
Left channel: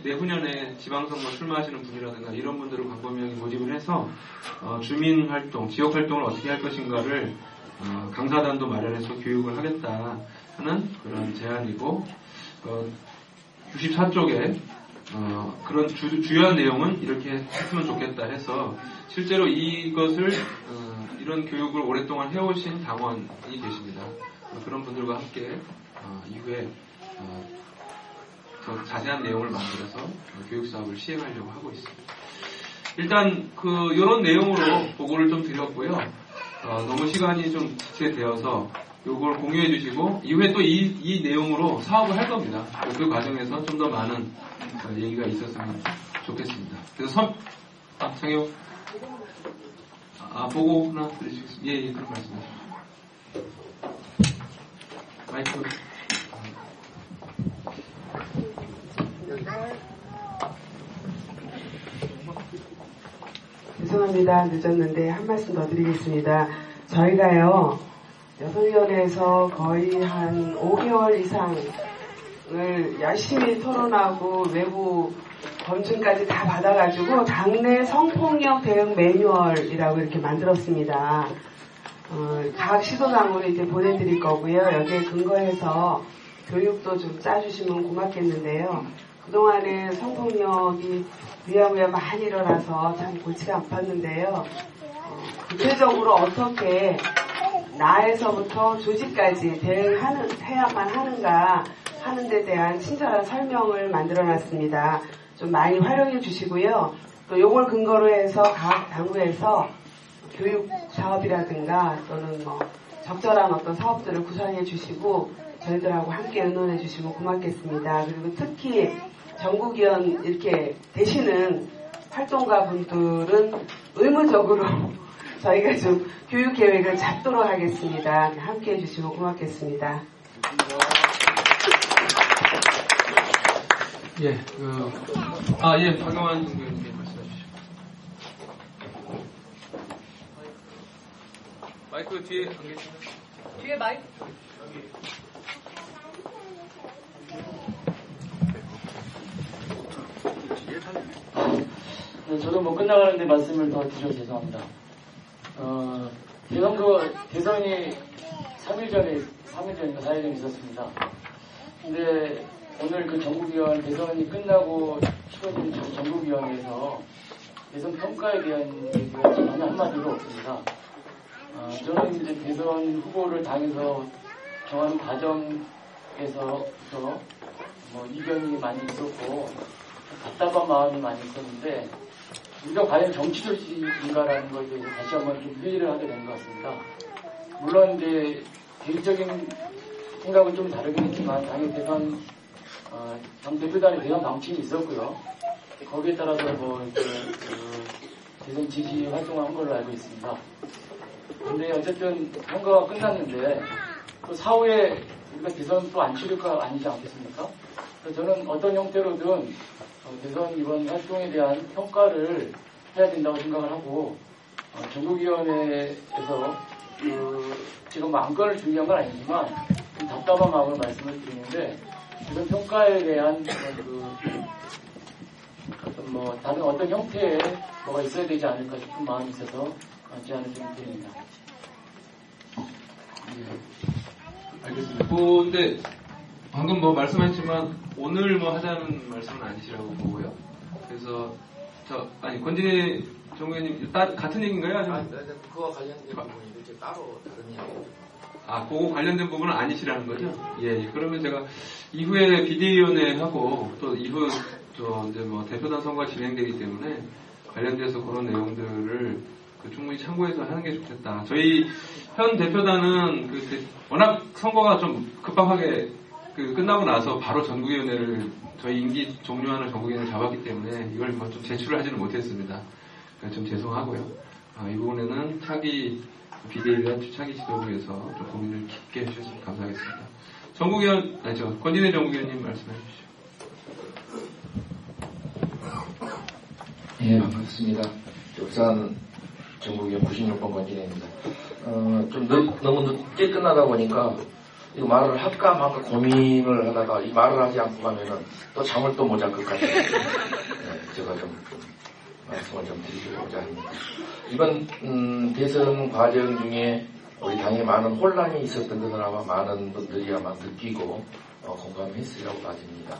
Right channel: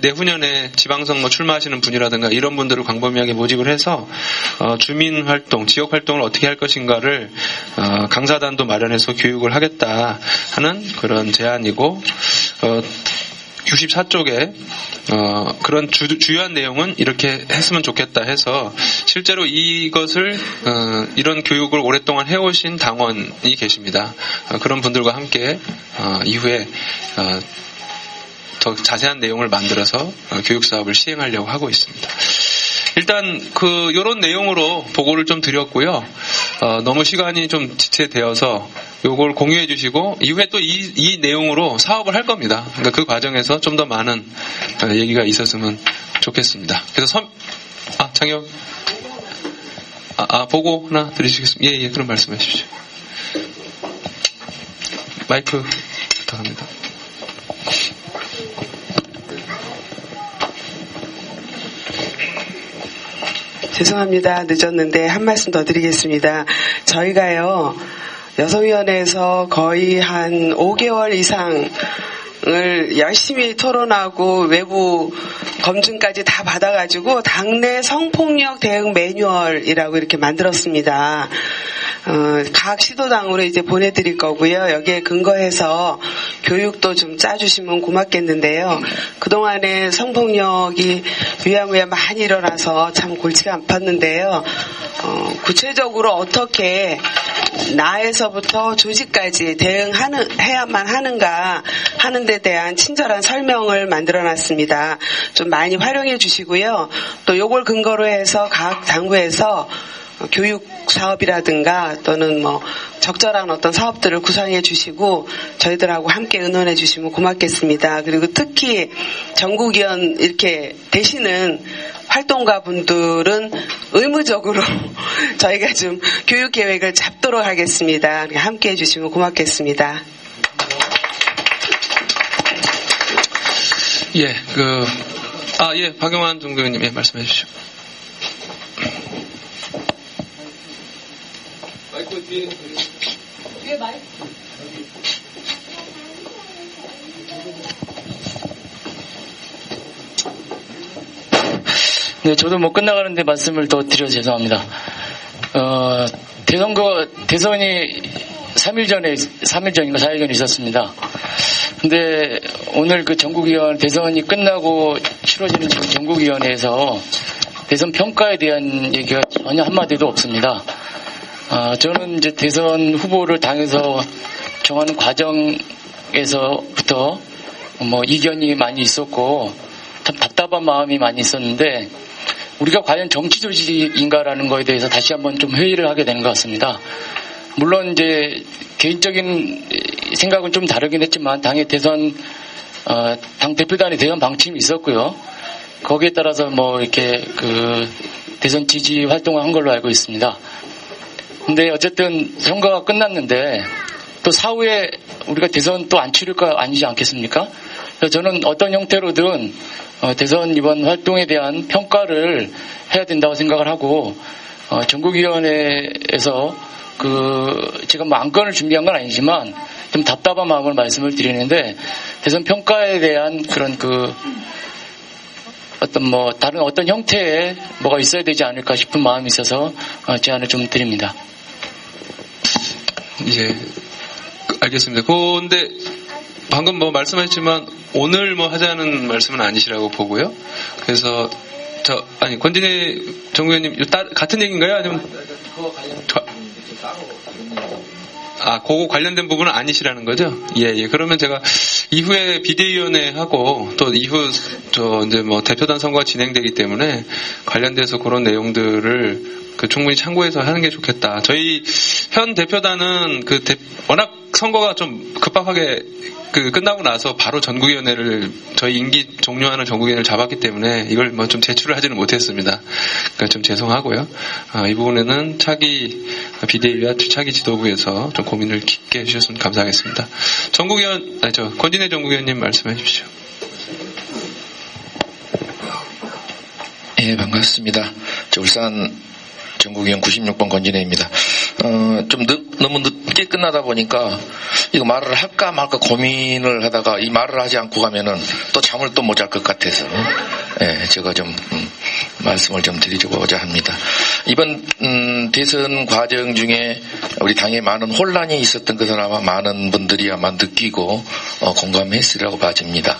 내후년에 지방선거 출마하시는 분이라든가 이런 분들을 광범위하게 모집을 해서 주민 활동, 지역 활동을 어떻게 할 것인가를 강사단도 마련해서 교육을 하겠다 하는 그런 제안이고, 64쪽에 그런 주요한 내용은 이렇게 했으면 좋겠다 해서 실제로 이것을 이런 교육을 오랫동안 해오신 당원이 계십니다. 그런 분들과 함께 이후에 더 자세한 내용을 만들어서 교육 사업을 시행하려고 하고 있습니다. 일단 이런 내용으로 보고를 좀 드렸고요. 너무 시간이 좀 지체되어서 요걸 공유해 주시고 이후에 또 이 내용으로 사업을 할 겁니다. 그러니까 그 과정에서 좀 더 많은 얘기가 있었으면 좋겠습니다. 그래서 창혁 보고 하나 드리시겠습니다. 예, 그럼 말씀해 주십시오. 마이크 부탁합니다. 죄송합니다. 늦었는데 한 말씀 더 드리겠습니다. 저희가요, 여성위원회에서 거의 한 5개월 이상을 열심히 토론하고 외부 검증까지 다 받아가지고 당내 성폭력 대응 매뉴얼이라고 이렇게 만들었습니다. 각 시도당으로 이제 보내드릴 거고요. 여기에 근거해서 교육도 좀 짜주시면 고맙겠는데요. 그동안에 성폭력이 위야무야 많이 일어나서 참 골치가 아팠는데요. 구체적으로 어떻게 나에서부터 조직까지 해야만 하는가 하는 데 대한 친절한 설명을 만들어놨습니다. 좀 많이 활용해 주시고요. 또 요걸 근거로 해서 각 당부에서 교육 사업이라든가 또는 적절한 어떤 사업들을 구상해 주시고 저희들하고 함께 의논해 주시면 고맙겠습니다. 그리고 특히 전국위원 이렇게 되시는 활동가 분들은 의무적으로 저희가 좀 교육 계획을 잡도록 하겠습니다. 함께 해주시면 고맙겠습니다. 박영환 정교수님 말씀해 주시죠. 마이크 뒤에 마이크. 네, 저도 끝나가는데 말씀을 더 드려 죄송합니다. 대선이 3일 전인가 4일 전에 있었습니다. 근데 오늘 전국위원 대선이 끝나고 치러지는 전국위원회에서 대선 평가에 대한 얘기가 전혀 한마디도 없습니다. 저는 이제 대선 후보를 당에서 정하는 과정에서부터 이견이 많이 있었고 참 답답한 마음이 많이 있었는데 우리가 과연 정치 조직인가라는 거에 대해서 다시 한번 좀 회의를 하게 되는 것 같습니다. 물론 이제 개인적인 생각은 좀 다르긴 했지만 당의 대선 당 대표단의 대선 방침이 있었고요. 거기에 따라서 이렇게 대선 지지 활동을 한 걸로 알고 있습니다. 근데 어쨌든 선거가 끝났는데 또 사후에 우리가 대선 또 안 치를 거 아니지 않겠습니까? 그래서 저는 어떤 형태로든 대선 이번 활동에 대한 평가를 해야 된다고 생각을 하고 전국위원회에서 지금 안건을 준비한 건 아니지만 좀 답답한 마음을 말씀을 드리는데 대선 평가에 대한 그런 다른 어떤 형태의 뭐가 있어야 되지 않을까 싶은 마음이 있어서 제안을 좀 드립니다. 알겠습니다. 근데 방금 말씀하셨지만 오늘 하자는 말씀은 아니시라고 보고요. 그래서 권진희 정의원님 같은 얘기인가요? 아니면 그거 관련된 부분은 아니시라는 거죠? 예. 그러면 제가 이후에 비대위원회하고 또 이후 대표단 선거가 진행되기 때문에 관련돼서 그런 내용들을 충분히 참고해서 하는 게 좋겠다. 저희 현 대표단은 워낙 선거가 좀 급박하게 끝나고 나서 바로 전국위원회를 저희 임기 종료하는 전국위원회를 잡았기 때문에 이걸 좀 제출을 하지는 못했습니다. 그러니까 좀 죄송하고요. 이 부분에는 차기 비대위와 차기 지도부에서 좀 고민을 깊게 해주셨으면 감사하겠습니다. 권진혜 전국위원님 말씀해 주십시오. 예, 반갑습니다. 울산 전국위원 96번 권진혜입니다. 너무 늦게 끝나다 보니까 이거 말을 할까 말까 고민을 하다가 이 말을 하지 않고 가면은 또 잠을 또 못 잘 것 같아서요. 예, 제가 좀 말씀을 좀 드리고자 합니다. 이번 대선 과정 중에 우리 당에 많은 혼란이 있었던 것을 아마 많은 분들이 아마 느끼고 공감했으리라고 봐집니다.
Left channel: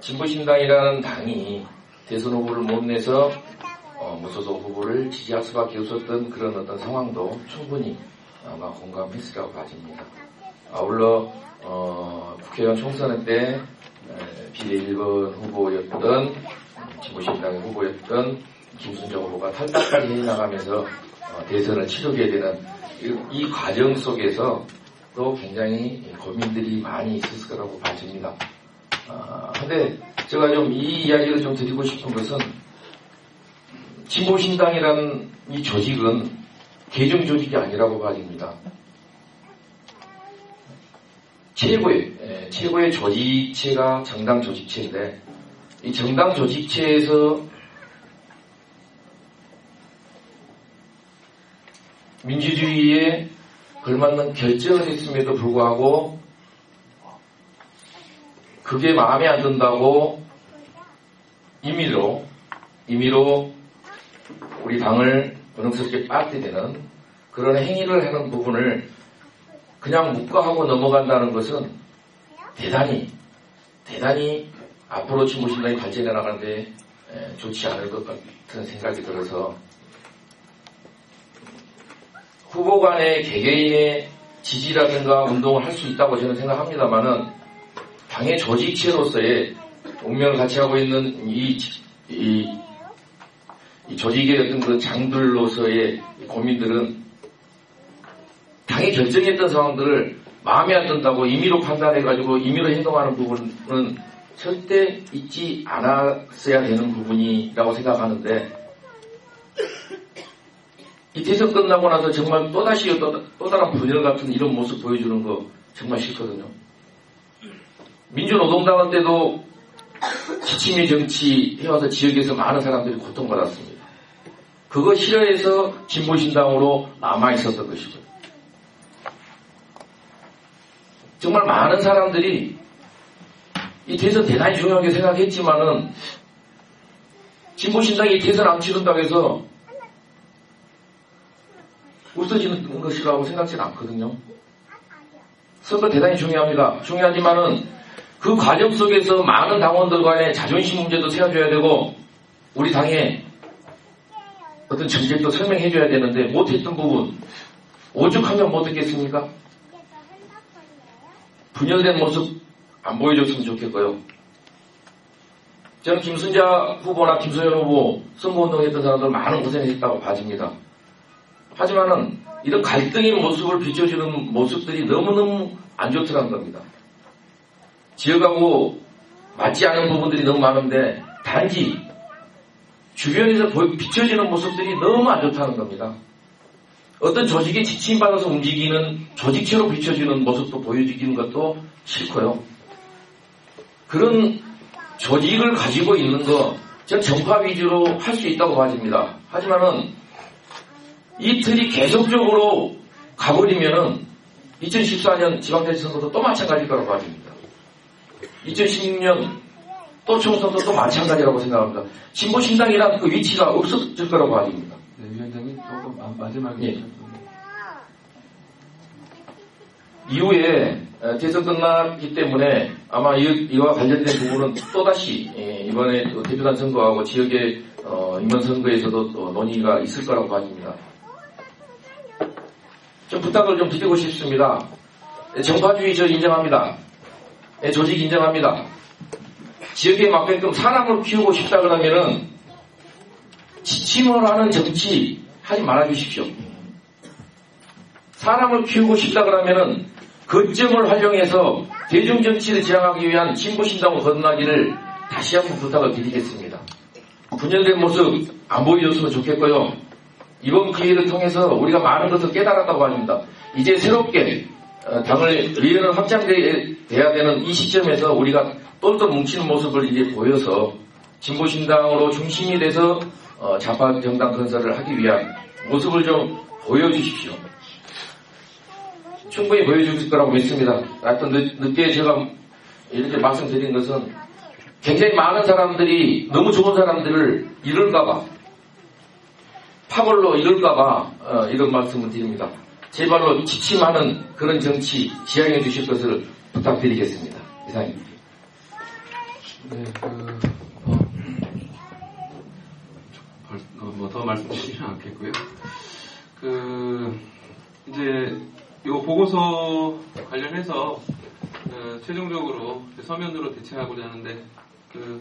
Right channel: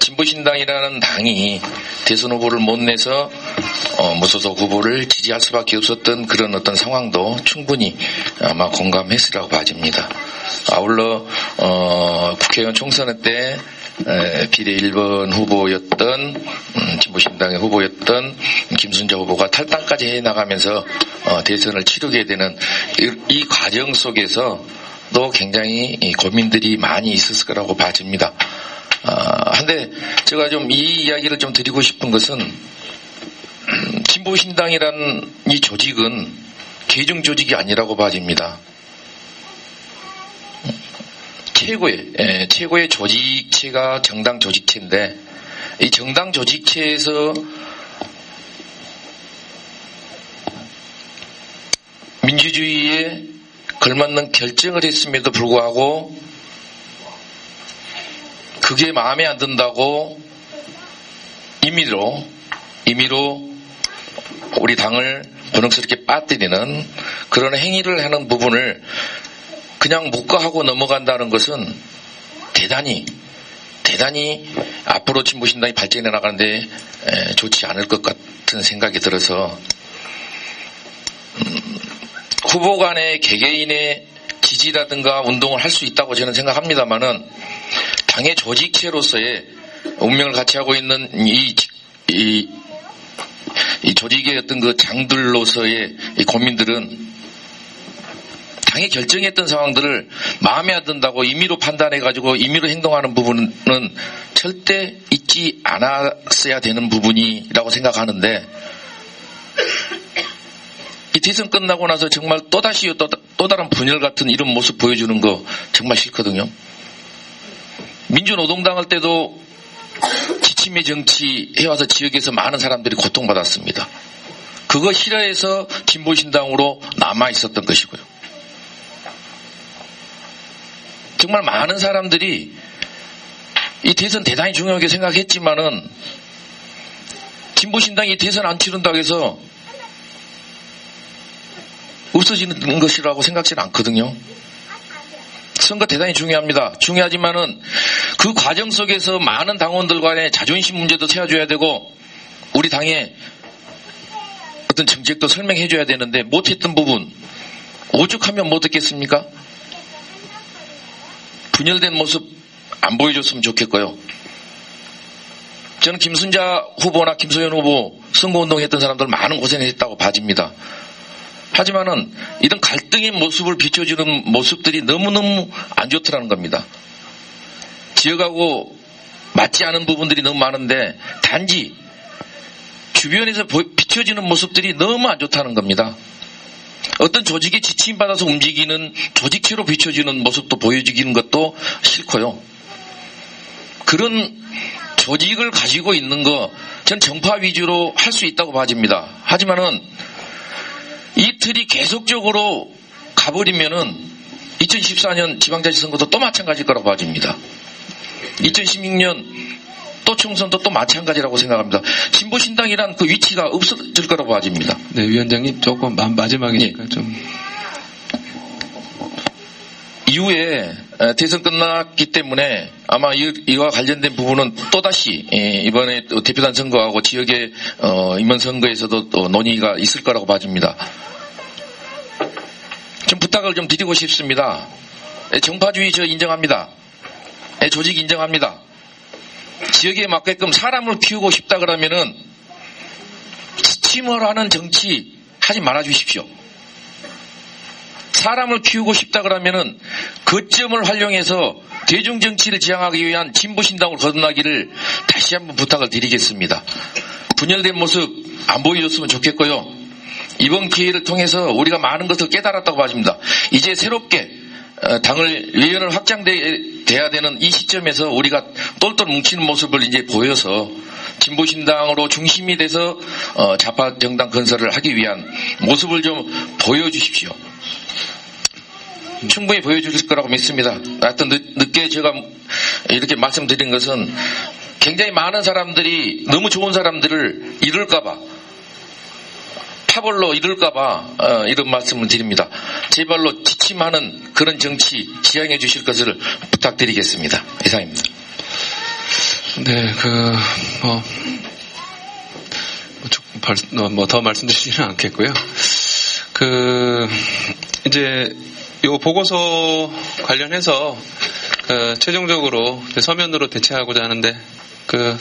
진보신당이라는 당이 대선 후보를 못 내서 무소속 후보를 지지할 수밖에 없었던 그런 어떤 상황도 충분히 아마 공감했으리라고 봐집니다. 아울러 국회의원 총선 때 비례 1번 후보였던 진보신당의 후보였던 김순자 후보가 탈당까지 해나가면서 대선을 치르게 되는 이 과정 속에서도 굉장히 고민들이 많이 있었을 거라고 봐집니다. 한데 제가 좀 이 이야기를 좀 드리고 싶은 것은 진보신당이라는 이 조직은 계정 조직이 아니라고 봐집니다. 최고의 조직체가 정당 조직체인데 이 정당 조직체에서 민주주의에 걸맞는 결정을 했음에도 불구하고 그게 마음에 안 든다고 임의로 우리 당을 곤혹스럽게 빠뜨리는 그런 행위를 하는 부분을 그냥 묵과하고 넘어간다는 것은 대단히 앞으로 진보신당이 발전해 나가는데 좋지 않을 것 같은 생각이 들어서 후보 간의 개개인의 지지라든가 운동을 할 수 있다고 저는 생각합니다만은 당의 조직체로서의 운명을 같이 하고 있는 이 조직의 어떤 그 장들로서의 이 고민들은 당이 결정했던 상황들을 마음에 안 든다고 임의로 판단해가지고 임의로 행동하는 부분은 절대 있지 않았어야 되는 부분이라고 생각하는데 이 대선 끝나고 나서 정말 또다시 또 다른 분열 같은 이런 모습 보여주는 거 정말 싫거든요. 민주노동당 할 때도 지침의 정치 해와서 지역에서 많은 사람들이 고통받았습니다. 그거 싫어해서 진보신당으로 남아있었던 것이고요. 정말 많은 사람들이 이 대선 대단히 중요하게 생각했지만은 진보신당이 대선 안 치른다고 해서 없어지는 것이라고 생각지는 않거든요. 선거 대단히 중요합니다. 중요하지만은 그 과정 속에서 많은 당원들 간의 자존심 문제도 세워줘야 되고 우리 당의 어떤 정책도 설명해줘야 되는데 못했던 부분 오죽하면 못 했겠습니까? 분열된 모습 안 보여줬으면 좋겠고요. 저는 김순자 후보나 김소연 후보 선거운동했던 사람들 많은 고생했다고 봐집니다. 하지만은 이런 갈등의 모습을 비춰주는 모습들이 너무너무 안 좋더라는 겁니다. 지역하고 맞지 않은 부분들이 너무 많은데 단지 주변에서 비춰지는 모습들이 너무 안 좋다는 겁니다. 어떤 조직에 지침받아서 움직이는 조직체로 비춰지는 모습도 보여지는 것도 싫고요. 그런 조직을 가지고 있는 거 저는 정파 위주로 할 수 있다고 봐집니다. 하지만은 이 틀이 계속적으로 가버리면은 2014년 지방자치 선거도 또 마찬가지일 거라고 봐집니다. 2016년 또 총선도 또 마찬가지라고 생각합니다. 진보신당이란 그 위치가 없어질 거라고 봐집니다. 네, 위원장님 조금 마지막이니까 예. 좀. 이후에 대선 끝났기 때문에 아마 이와 관련된 부분은 또다시 이번에 대표단 선거하고 지역의 임원 선거에서도 또 논의가 있을 거라고 봐집니다. 좀 부탁을 좀 드리고 싶습니다. 정파주의 저 인정합니다. 조직 인정합니다. 지역에 맞게끔 사람을 키우고 싶다 그러면은 지침을 하는 정치 하지 말아 주십시오. 사람을 키우고 싶다 그러면은 거점을 활용해서 대중정치를 지향하기 위한 진보신당을 거듭나기를 다시 한번 부탁을 드리겠습니다. 분열된 모습 안 보여줬으면 좋겠고요. 이번 기회를 통해서 우리가 많은 것을 깨달았다고 하십니다. 이제 새롭게 당을 의원을 확장돼야 되는 이 시점에서 우리가 똘똘 뭉치는 모습을 이제 보여서 진보신당으로 중심이 돼서 좌파 정당 건설을 하기 위한 모습을 좀 보여주십시오. 충분히 보여주실 거라고 믿습니다. 하여튼 늦게 제가 이렇게 말씀드린 것은 굉장히 많은 사람들이 너무 좋은 사람들을 잃을까봐 파벌로 잃을까봐 이런 말씀을 드립니다. 제발로 지침하는 그런 정치 지향해 주실 것을 부탁드리겠습니다. 이상입니다. 네, 더 말씀드리지는 않겠고요. 이제 요 보고서 관련해서 최종적으로 서면으로 대체하고자 하는데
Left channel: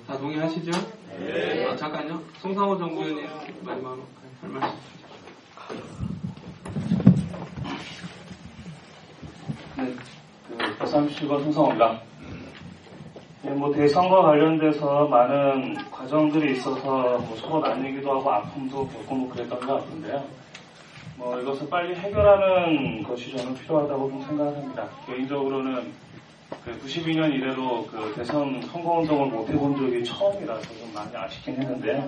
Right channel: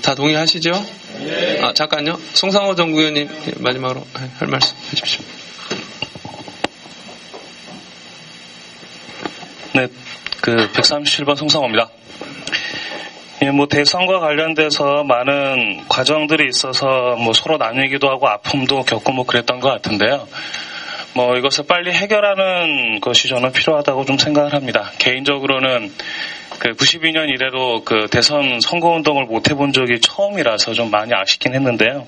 다 동의하시죠? 예. 잠깐요. 송상호 정구위원님 마지막으로 할 말씀 해주십시오. 네, 137번 송상호입니다. 예, 뭐 대선과 관련돼서 많은 과정들이 있어서 뭐 서로 나누기도 하고 아픔도 겪고 뭐 그랬던 것 같은데요. 뭐 이것을 빨리 해결하는 것이 저는 필요하다고 좀 생각을 합니다. 개인적으로는 그 92년 이래로 그 대선 선거운동을 못 해본 적이 처음이라서 좀 많이 아쉽긴 했는데요.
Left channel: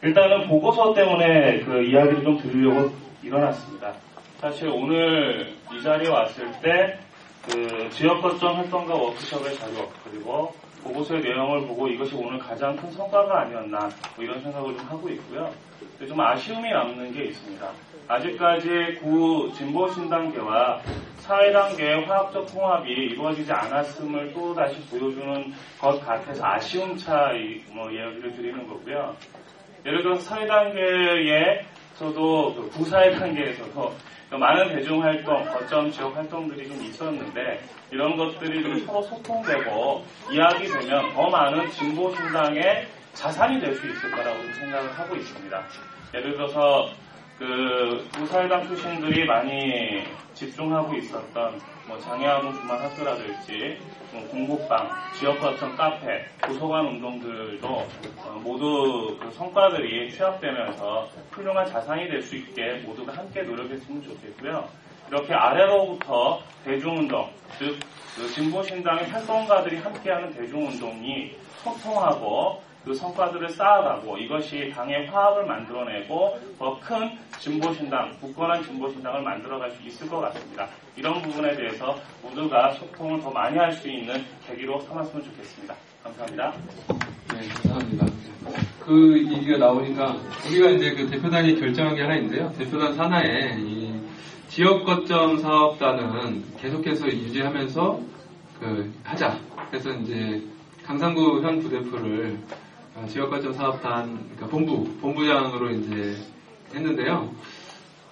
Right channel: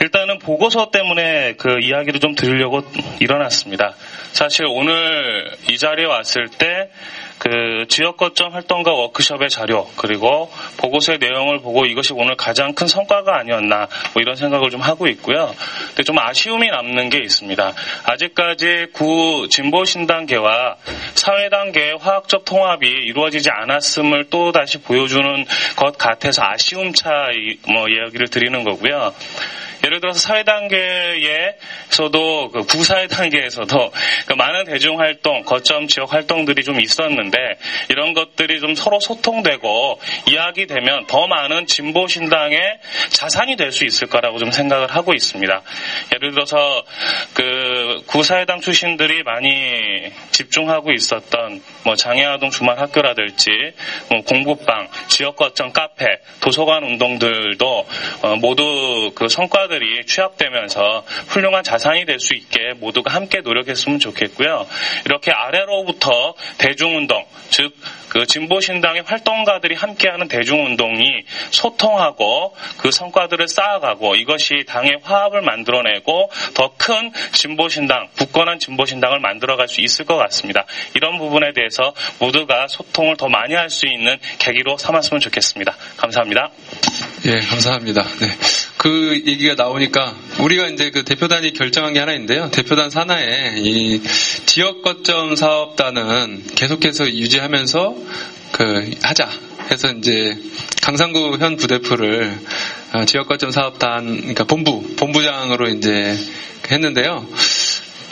일단은 보고서 때문에 그 이야기를 좀 드리려고 일어났습니다. 사실 오늘 이 자리에 왔을 때 그 지역거점 활동가 워크숍의 자료 그리고 보고서의 내용을 보고 이것이 오늘 가장 큰 성과가 아니었나 뭐 이런 생각을 좀 하고 있고요. 근데 좀 아쉬움이 남는 게 있습니다. 아직까지 구 진보신당계와 사회단계의 화학적 통합이 이루어지지 않았음을 또 다시 보여주는 것 같아서 아쉬움 차이 뭐 이야기를 드리는 거고요. 예를 들어서 사회단계에서도 그 구사회 단계에서도 그 많은 대중활동, 거점 지역 활동들이 좀 있었는데 이런 것들이 좀 서로 소통되고 이야기되면 더 많은 진보신당의 자산이 될 수 있을 거라고 좀 생각을 하고 있습니다. 예를 들어서 그 구사회당 출신들이 많이 집중하고 있었던 뭐 장애아동 주말학교라든지 뭐 공부방, 지역거점 카페, 도서관 운동들도 모두 그 성과들이 취합되면서 훌륭한 자산이 될 수 있게 모두가 함께 노력했으면 좋겠고요. 이렇게 아래로부터 대중운동, 즉 그 진보신당의 활동가들이 함께하는 대중운동이 소통하고 그 성과들을 쌓아가고 이것이 당의 화합을 만들어내고 더 큰 진보신당, 굳건한 진보신당을 만들어갈 수 있을 것 같습니다. 이런 부분에 대해서 모두가 소통을 더 많이 할 수 있는 계기로 삼았으면 좋겠습니다. 감사합니다. 예, 감사합니다. 네. 그 얘기가 나오니까 우리가 이제 그 대표단이 결정한 게 하나 있는데요. 대표단 산하에 이 지역거점 사업단은 계속해서 유지하면서 하자 해서 이제 강상구 현 부대표를 지역거점 사업단, 그러니까 본부장으로 이제 했는데요.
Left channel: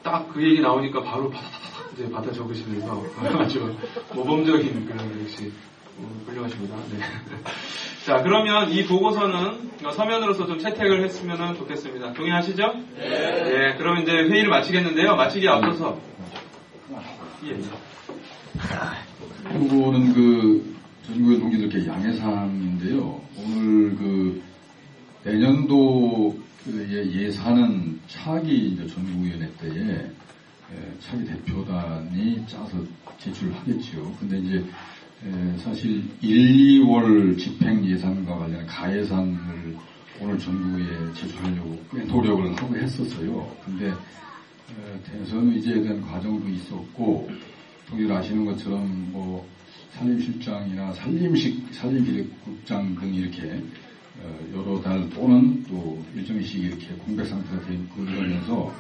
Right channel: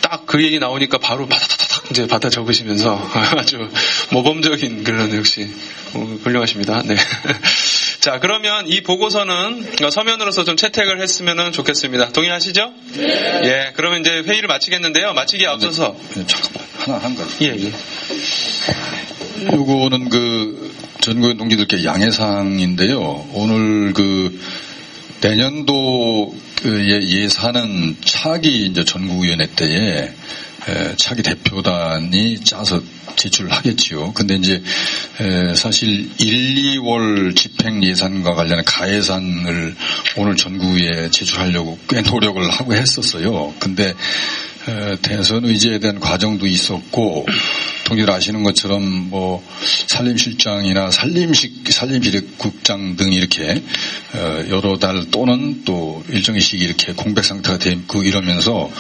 딱 그 얘기 나오니까 바로 바다다닥 이제 받아 적으시면서 아주 모범적인 그런 역시 훌륭하십니다. 네. 자, 그러면 이 보고서는 서면으로서 좀 채택을 했으면 좋겠습니다. 동의하시죠? 네. 예, 그러면 이제 회의를 마치겠는데요. 마치기에 앞서서. 잠깐만, 한 가지. 예. 요거는 그 전국의 동지들께 양해사항인데요. 오늘 그 내년도 예산은 차기 이제 전국위원회 때에 차기 대표단이 짜서 제출하겠지요. 근데 이제 사실 1, 2월 집행 예산과 관련한 가예산을 오늘 전국위에 제출하려고 꽤 노력을 하고 했었어요. 근데 대선 의제에 대한 과정도 있었고, 동지들 아시는 것처럼 뭐 산림실장이나 산림시립국장 등 이렇게 여러 달 또는 또 일정의 시기 이렇게 공백 상태가 돼 있고 이러면서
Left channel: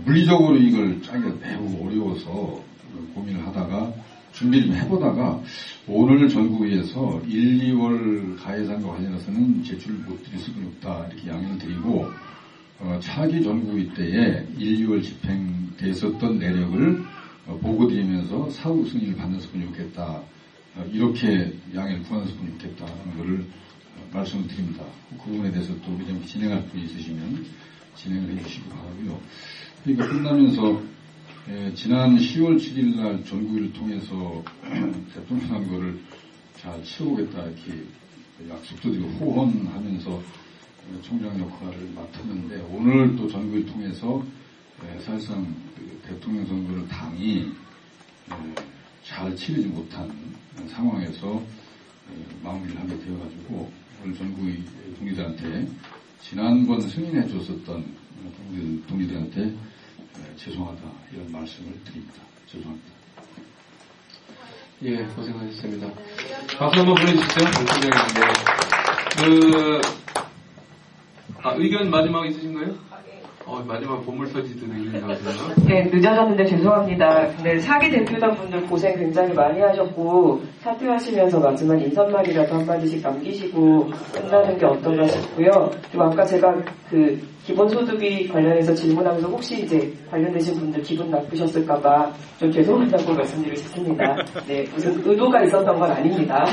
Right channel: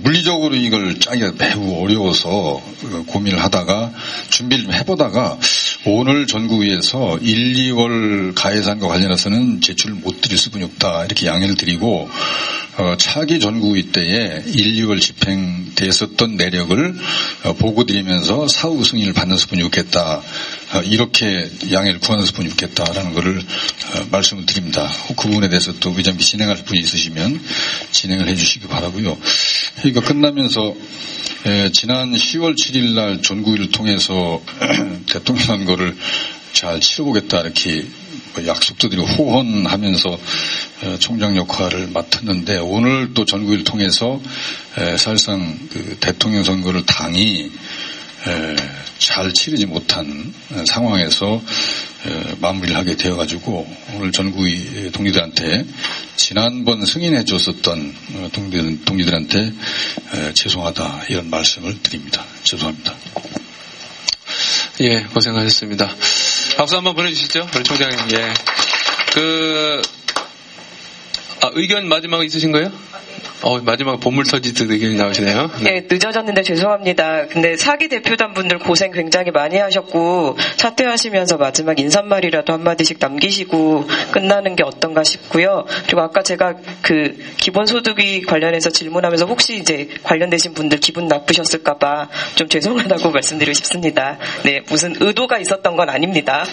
물리적으로 이걸 짜기가 매우 어려워서 고민을 하다가 준비를 좀 해보다가 오늘 전국위에서 1, 2월 가예산과 관련해서는 제출을 못 드릴 수밖에 없다 이렇게 양해를 드리고 차기 전국위 때에 1, 2월 집행됐었던 내력을 보고드리면서 사후 승인을 받는 수뿐이 없겠다. 이렇게 양해를 구하는 수뿐이 없겠다라는 것을 말씀을 드립니다. 그 부분에 대해서 또 의장님이 진행할 분이 있으시면 진행을 해주시기 바라고요. 회의가 끝나면서 지난 10월 7일 날 전국위를 통해서 대통령 선거를 잘 치러보겠다 이렇게 약속도 드리고 호언하면서 총장 역할을 맡았는데 오늘 또 전국위를 통해서 사실상 그 대통령 선거를 당이 잘 치르지 못한 상황에서 마무리를 하게 되어가지고 오늘 전국위 동지들한테 지난번 승인해 줬었던 동지들한테 죄송하다 이런 말씀을 드립니다. 죄송합니다. 예, 고생하셨습니다. 박수 한번 보내주시죠, 우리 총장님. 예. 의견 마지막 있으신 거예요? 마지막 보물 터지듯 의견이 나오시네요. 네, 늦어졌는데 죄송합니다. 근데 사기 대표단 분들 고생 굉장히 많이 하셨고 사퇴하시면서 마지막 인사말이라도 한마디씩 남기시고 끝나는 게 어떤가 싶고요. 그리고 아까 제가 그 기본소득이 관련해서 질문하면서 혹시 이제 관련되신 분들 기분 나쁘셨을까봐 좀 죄송하다고 말씀드리고 싶습니다. 네, 무슨 의도가 있었던 건 아닙니다.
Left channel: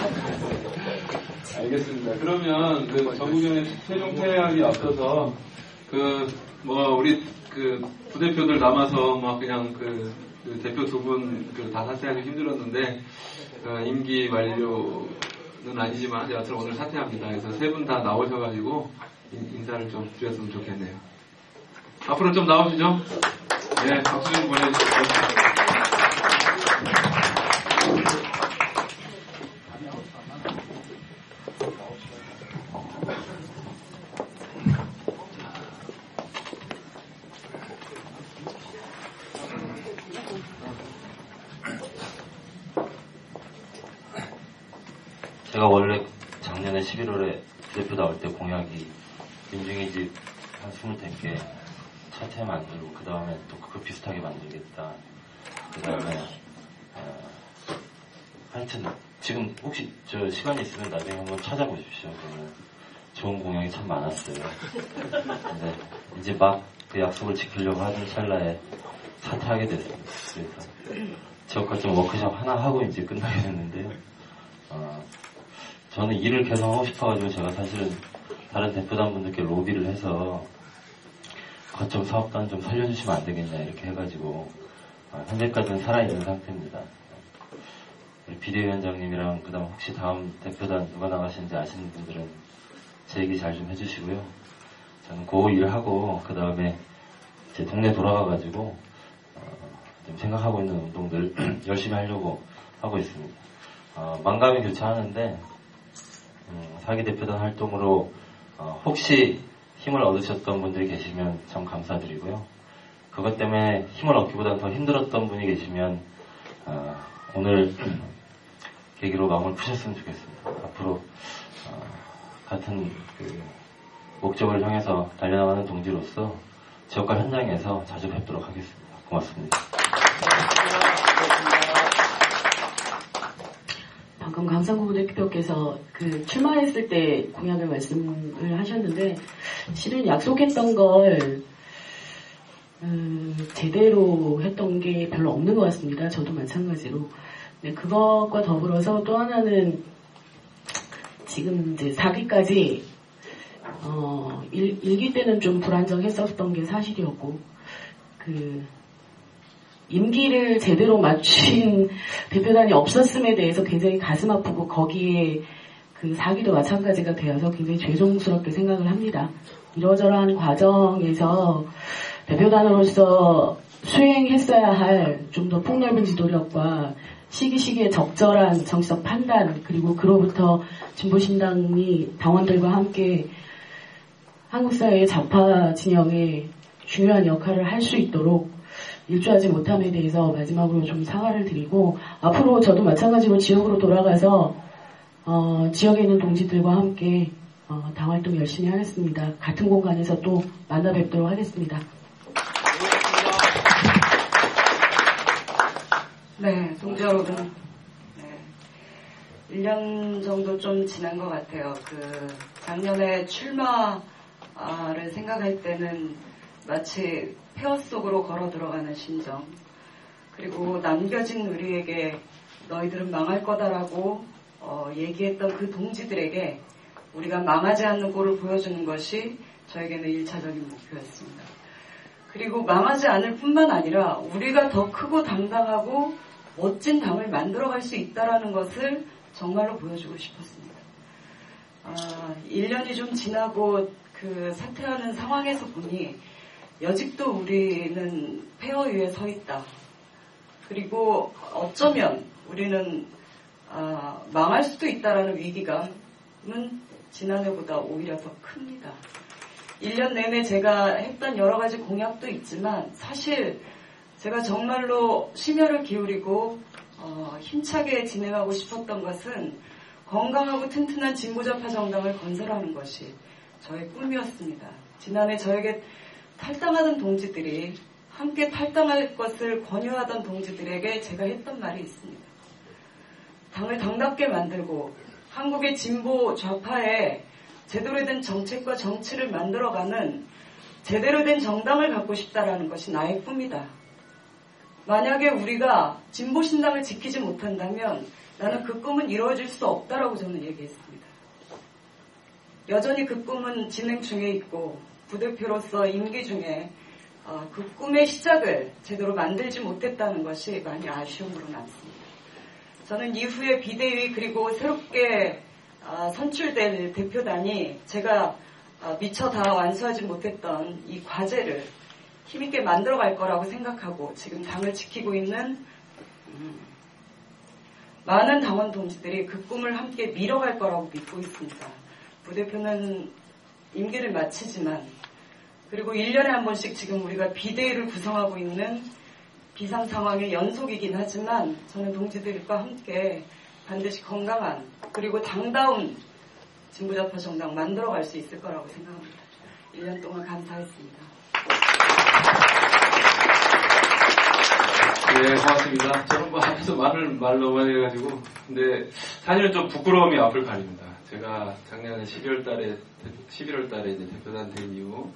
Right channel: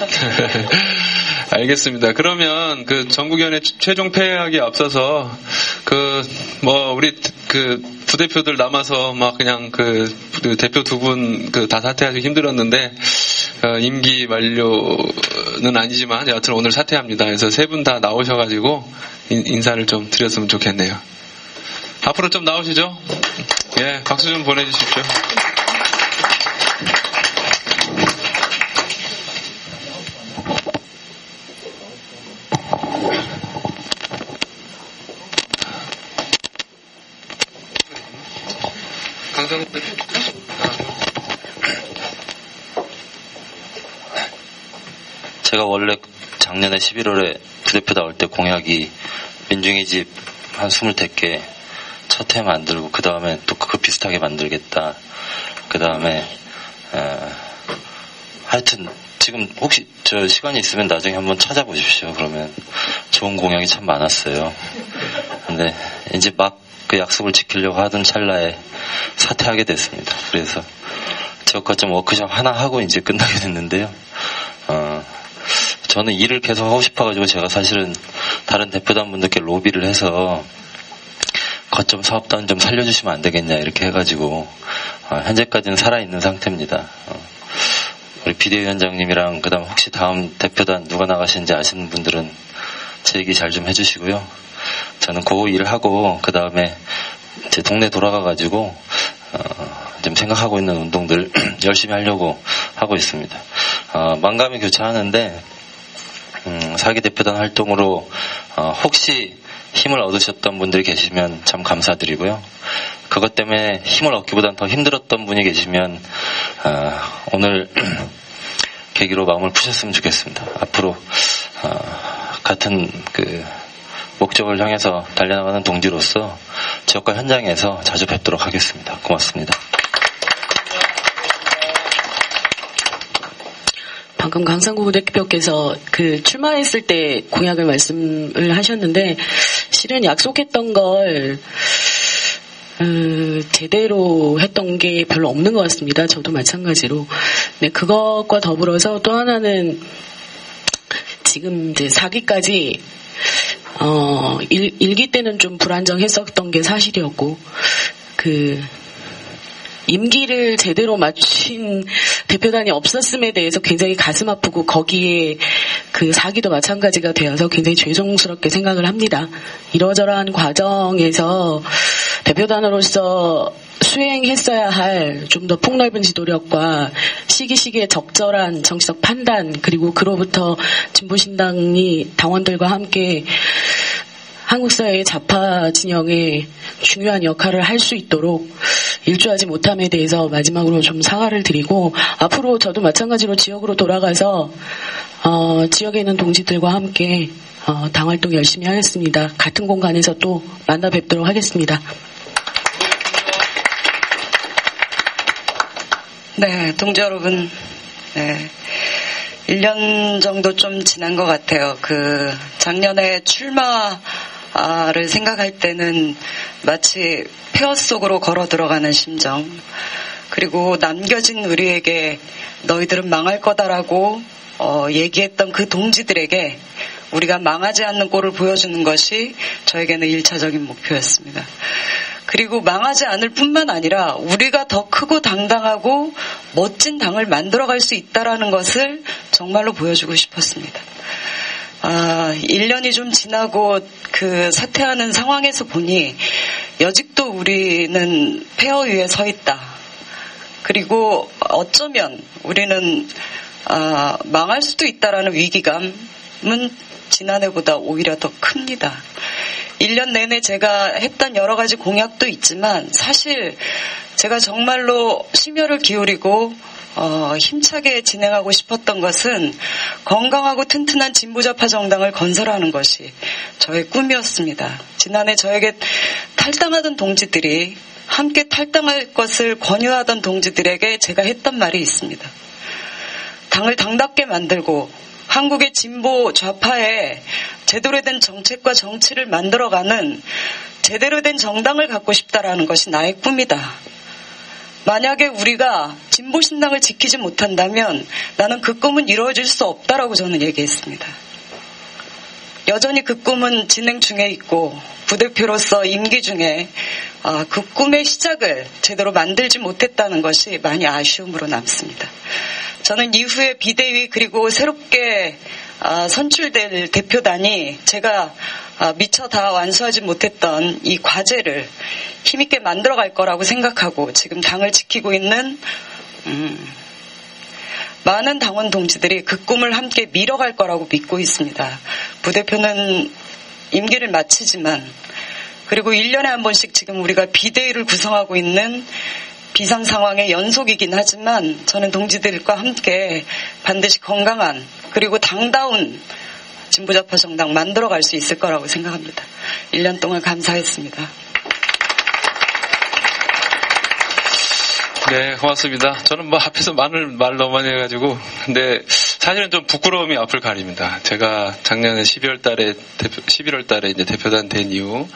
알겠습니다. 그러면 그 전국위원회 최종 폐회하기에 앞서서 우리 부대표들 남아서 막 그냥 그 대표 두 분 다 사퇴하기 힘들었는데 임기 만료는 아니지만 여하튼 오늘 사퇴합니다. 그래서 세 분 다 나오셔가지고 인사를 좀 드렸으면 좋겠네요. 앞으로 좀 나오시죠. 예, 박수 좀 보내주십시오. 제가 원래 작년에 11월에 부대표 나올 때 공약이 민중의 집 한 25개 첫 해 만들고 그 다음에 또 그거 비슷하게 만들겠다. 그 다음에 하여튼 지금 혹시 저 시간이 있으면 나중에 한번 찾아보십시오. 그러면 좋은 공약이 참 많았어요. 근데 이제 막 그 약속을 지키려고 하던 찰나에 사퇴하게 됐습니다. 그래서 지역거점 워크숍 하나 하고 이제 끝나게 됐는데요. 저는 일을 계속 하고 싶어가지고 제가 사실은 다른 대표단 분들께 로비를 해서 거점 사업단 좀 살려주시면 안 되겠냐 이렇게 해가지고 현재까지는 살아있는 상태입니다. 우리 비대위원장님이랑 그다음 혹시 다음 대표단 누가 나가시는지 아시는 분들은 제 얘기 잘 좀 해주시고요. 저는 그거 일하고 그 다음에 제 동네 돌아가가지고 좀 생각하고 있는 운동들 열심히 하려고 하고 있습니다. 만감이 교차하는데 4기 대표단 활동으로 혹시 힘을 얻으셨던 분들이 계시면 참 감사드리고요. 그것 때문에 힘을 얻기보다는 더 힘들었던 분이 계시면 오늘 계기로 마음을 푸셨으면 좋겠습니다. 앞으로 같은 그 목적을 향해서 달려나가는 동지로서 지역과 현장에서 자주 뵙도록 하겠습니다. 고맙습니다. 방금 강상구 부대표께서 그 출마했을 때 공약을 말씀을 하셨는데 실은 약속했던 걸 제대로 했던 게 별로 없는 것 같습니다. 저도 마찬가지로. 네, 그것과 더불어서 또 하나는 지금 이제 4기까지 1기 때는 좀 불안정했었던 게 사실이었고 그 임기를 제대로 맞춘 대표단이 없었음에 대해서 굉장히 가슴 아프고 거기에 그 4기도 마찬가지가 되어서 굉장히 죄송스럽게 생각을 합니다. 이러저러한 과정에서 대표단으로서 수행했어야 할 좀 더 폭넓은 지도력과 시기시기의 적절한 정치적 판단 그리고 그로부터 진보신당이 당원들과 함께 한국사회의 좌파 진영에 중요한 역할을 할 수 있도록 일조하지 못함에 대해서 마지막으로 좀 사과를 드리고 앞으로 저도 마찬가지로 지역으로 돌아가서 지역에 있는 동지들과 함께 당활동 열심히 하겠습니다. 같은 공간에서 또 만나 뵙도록 하겠습니다. 네, 동지 여러분, 네, 1년 정도 좀 지난 것 같아요. 그 작년에 출마를 생각할 때는 마치 폐허 속으로 걸어 들어가는 심정, 그리고 남겨진 우리에게 너희들은 망할 거다라고 얘기했던 그 동지들에게 우리가 망하지 않는 꼴을 보여주는 것이 저에게는 1차적인 목표였습니다. 그리고 망하지 않을 뿐만 아니라 우리가 더 크고 당당하고 멋진 당을 만들어갈 수 있다라는 것을 정말로 보여주고 싶었습니다. 1년이 좀 지나고 그 사퇴하는 상황에서 보니 여직도 우리는 폐허 위에 서 있다. 그리고 어쩌면 우리는 망할 수도 있다라는 위기감은 지난해보다 오히려 더 큽니다. 1년 내내 제가 했던 여러 가지 공약도 있지만 사실 제가 정말로 심혈을 기울이고 힘차게 진행하고 싶었던 것은 건강하고 튼튼한 진보좌파 정당을 건설하는 것이 저의 꿈이었습니다. 지난해 저에게 탈당하던 동지들이 함께 탈당할 것을 권유하던 동지들에게 제가 했던 말이 있습니다. 당을 당답게 만들고 한국의 진보 좌파에 제대로 된 정책과 정치를 만들어가는 제대로 된 정당을 갖고 싶다라는 것이 나의 꿈이다. 만약에 우리가 진보신당을 지키지 못한다면 나는 그 꿈은 이루어질 수 없다라고 저는 얘기했습니다. 여전히 그 꿈은 진행 중에 있고 부대표로서 임기 중에 그 꿈의 시작을 제대로 만들지 못했다는 것이 많이 아쉬움으로 남습니다. 저는 이후에 비대위 그리고 새롭게 선출될 대표단이 제가 미처 다 완수하지 못했던 이 과제를 힘있게 만들어갈 거라고 생각하고 지금 당을 지키고 있는 많은 당원 동지들이 그 꿈을 함께 밀어갈 거라고 믿고 있습니다. 부대표는 임기를 마치지만 그리고 1년에 한 번씩 지금 우리가 비대위를 구성하고 있는 비상 상황의 연속이긴 하지만 저는 동지들과 함께 반드시 건강한 그리고 당다운 진보좌파 정당 만들어갈 수 있을 거라고 생각합니다. 1년 동안 감사했습니다. 네, 고맙습니다. 저는 뭐 앞에서 말 너무 많이 해가지고, 근데 사실은 좀 부끄러움이 앞을 가립니다. 제가 작년에 11월 달에 이제 대표단 된 이후,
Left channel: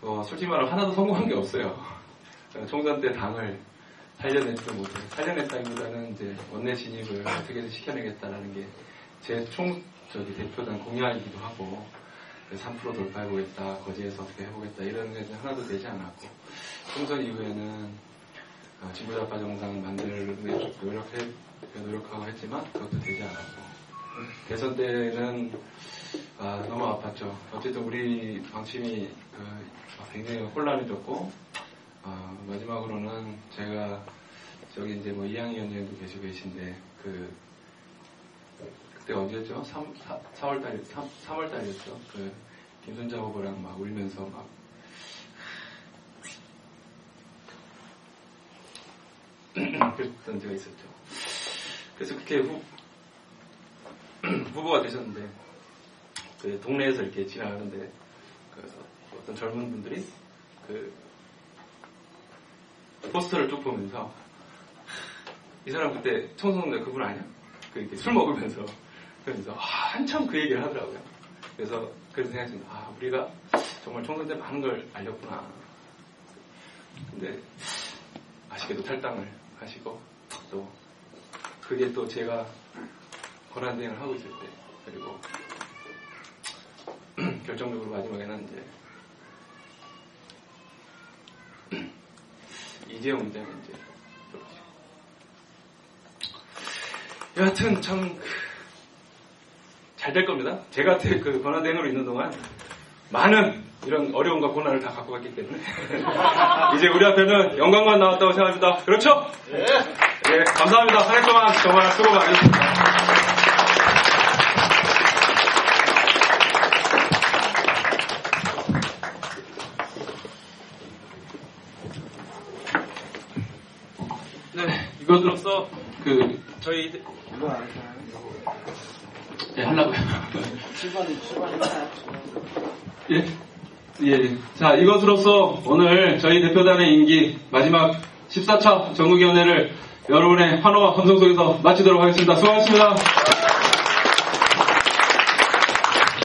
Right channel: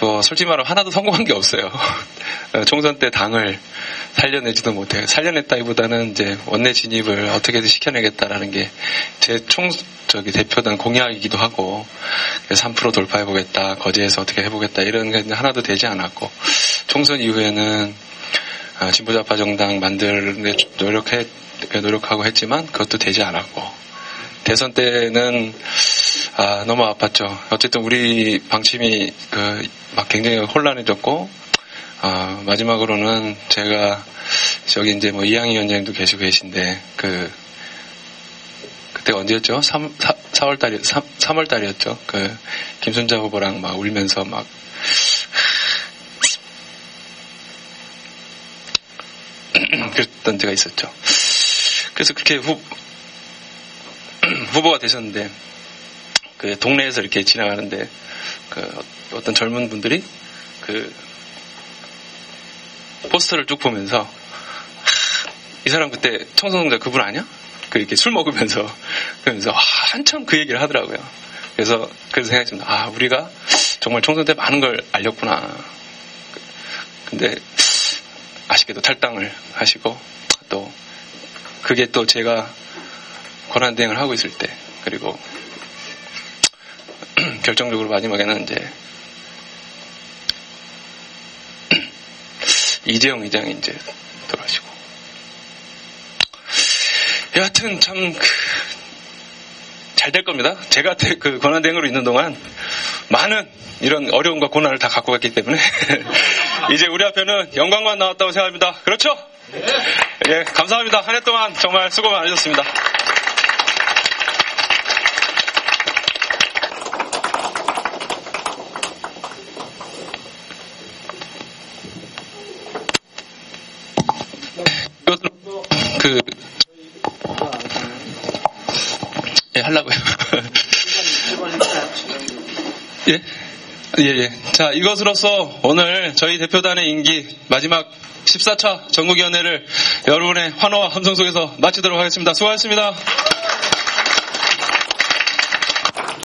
뭐 솔직히 말하면 하나도 성공한 게 없어요. 총선 때 당을 살려내지도 못해요. 살려냈다기보다는 이제 원내 진입을 어떻게든 시켜내겠다라는 게 제 대표단 공약이기도 하고, 3% 돌파해보겠다, 거제에서 어떻게 해보겠다, 이런 게 하나도 되지 않았고, 총선 이후에는 진보좌파 정당 만들에 노력하고 했지만 그것도 되지 않았고, 대선 때는 너무 아팠죠. 어쨌든 우리 방침이 막 굉장히 혼란해졌고, 마지막으로는 제가 저기 이제 뭐 이항희 위원장님도 계시고 계신데 그때가 언제였죠? 3월 달이었죠. 김순자 후보랑 막 울면서 막 그랬던 때가 있었죠. 그래서 그렇게 후보가 되셨는데 동네에서 이렇게 지나가는데 어떤 젊은 분들이 포스터를 쭉 보면서 이 사람 그때 청소년자 그분 아니야? 이렇게 술 먹으면서 그러면서 한참 그 얘기를 하더라고요. 그래서 생각했습니다. 우리가 정말 총선 때 많은 걸 알렸구나. 근데 아쉽게도 탈당을 하시고, 또 그게 또 제가 권한대행을 하고 있을 때, 그리고 결정적으로 마지막에는 이제 이재용 의장이 이제 돌아가시고, 여하튼 참 잘 될 겁니다. 제가 권한대행으로 있는 동안 많은 이런 어려움과 고난을 다 갖고 갔기 때문에 이제 우리 앞에는 영광만 나왔다고 생각합니다. 그렇죠? 네, 감사합니다. 한 해 동안 정말 수고 많으셨습니다. 네, 이것으로서 저희 하려고요. 예. 자, 이것으로서 오늘 저희 대표단의 임기 마지막 14차 전국위원회를 여러분의 환호와 함성 속에서 마치도록 하겠습니다. 수고하셨습니다.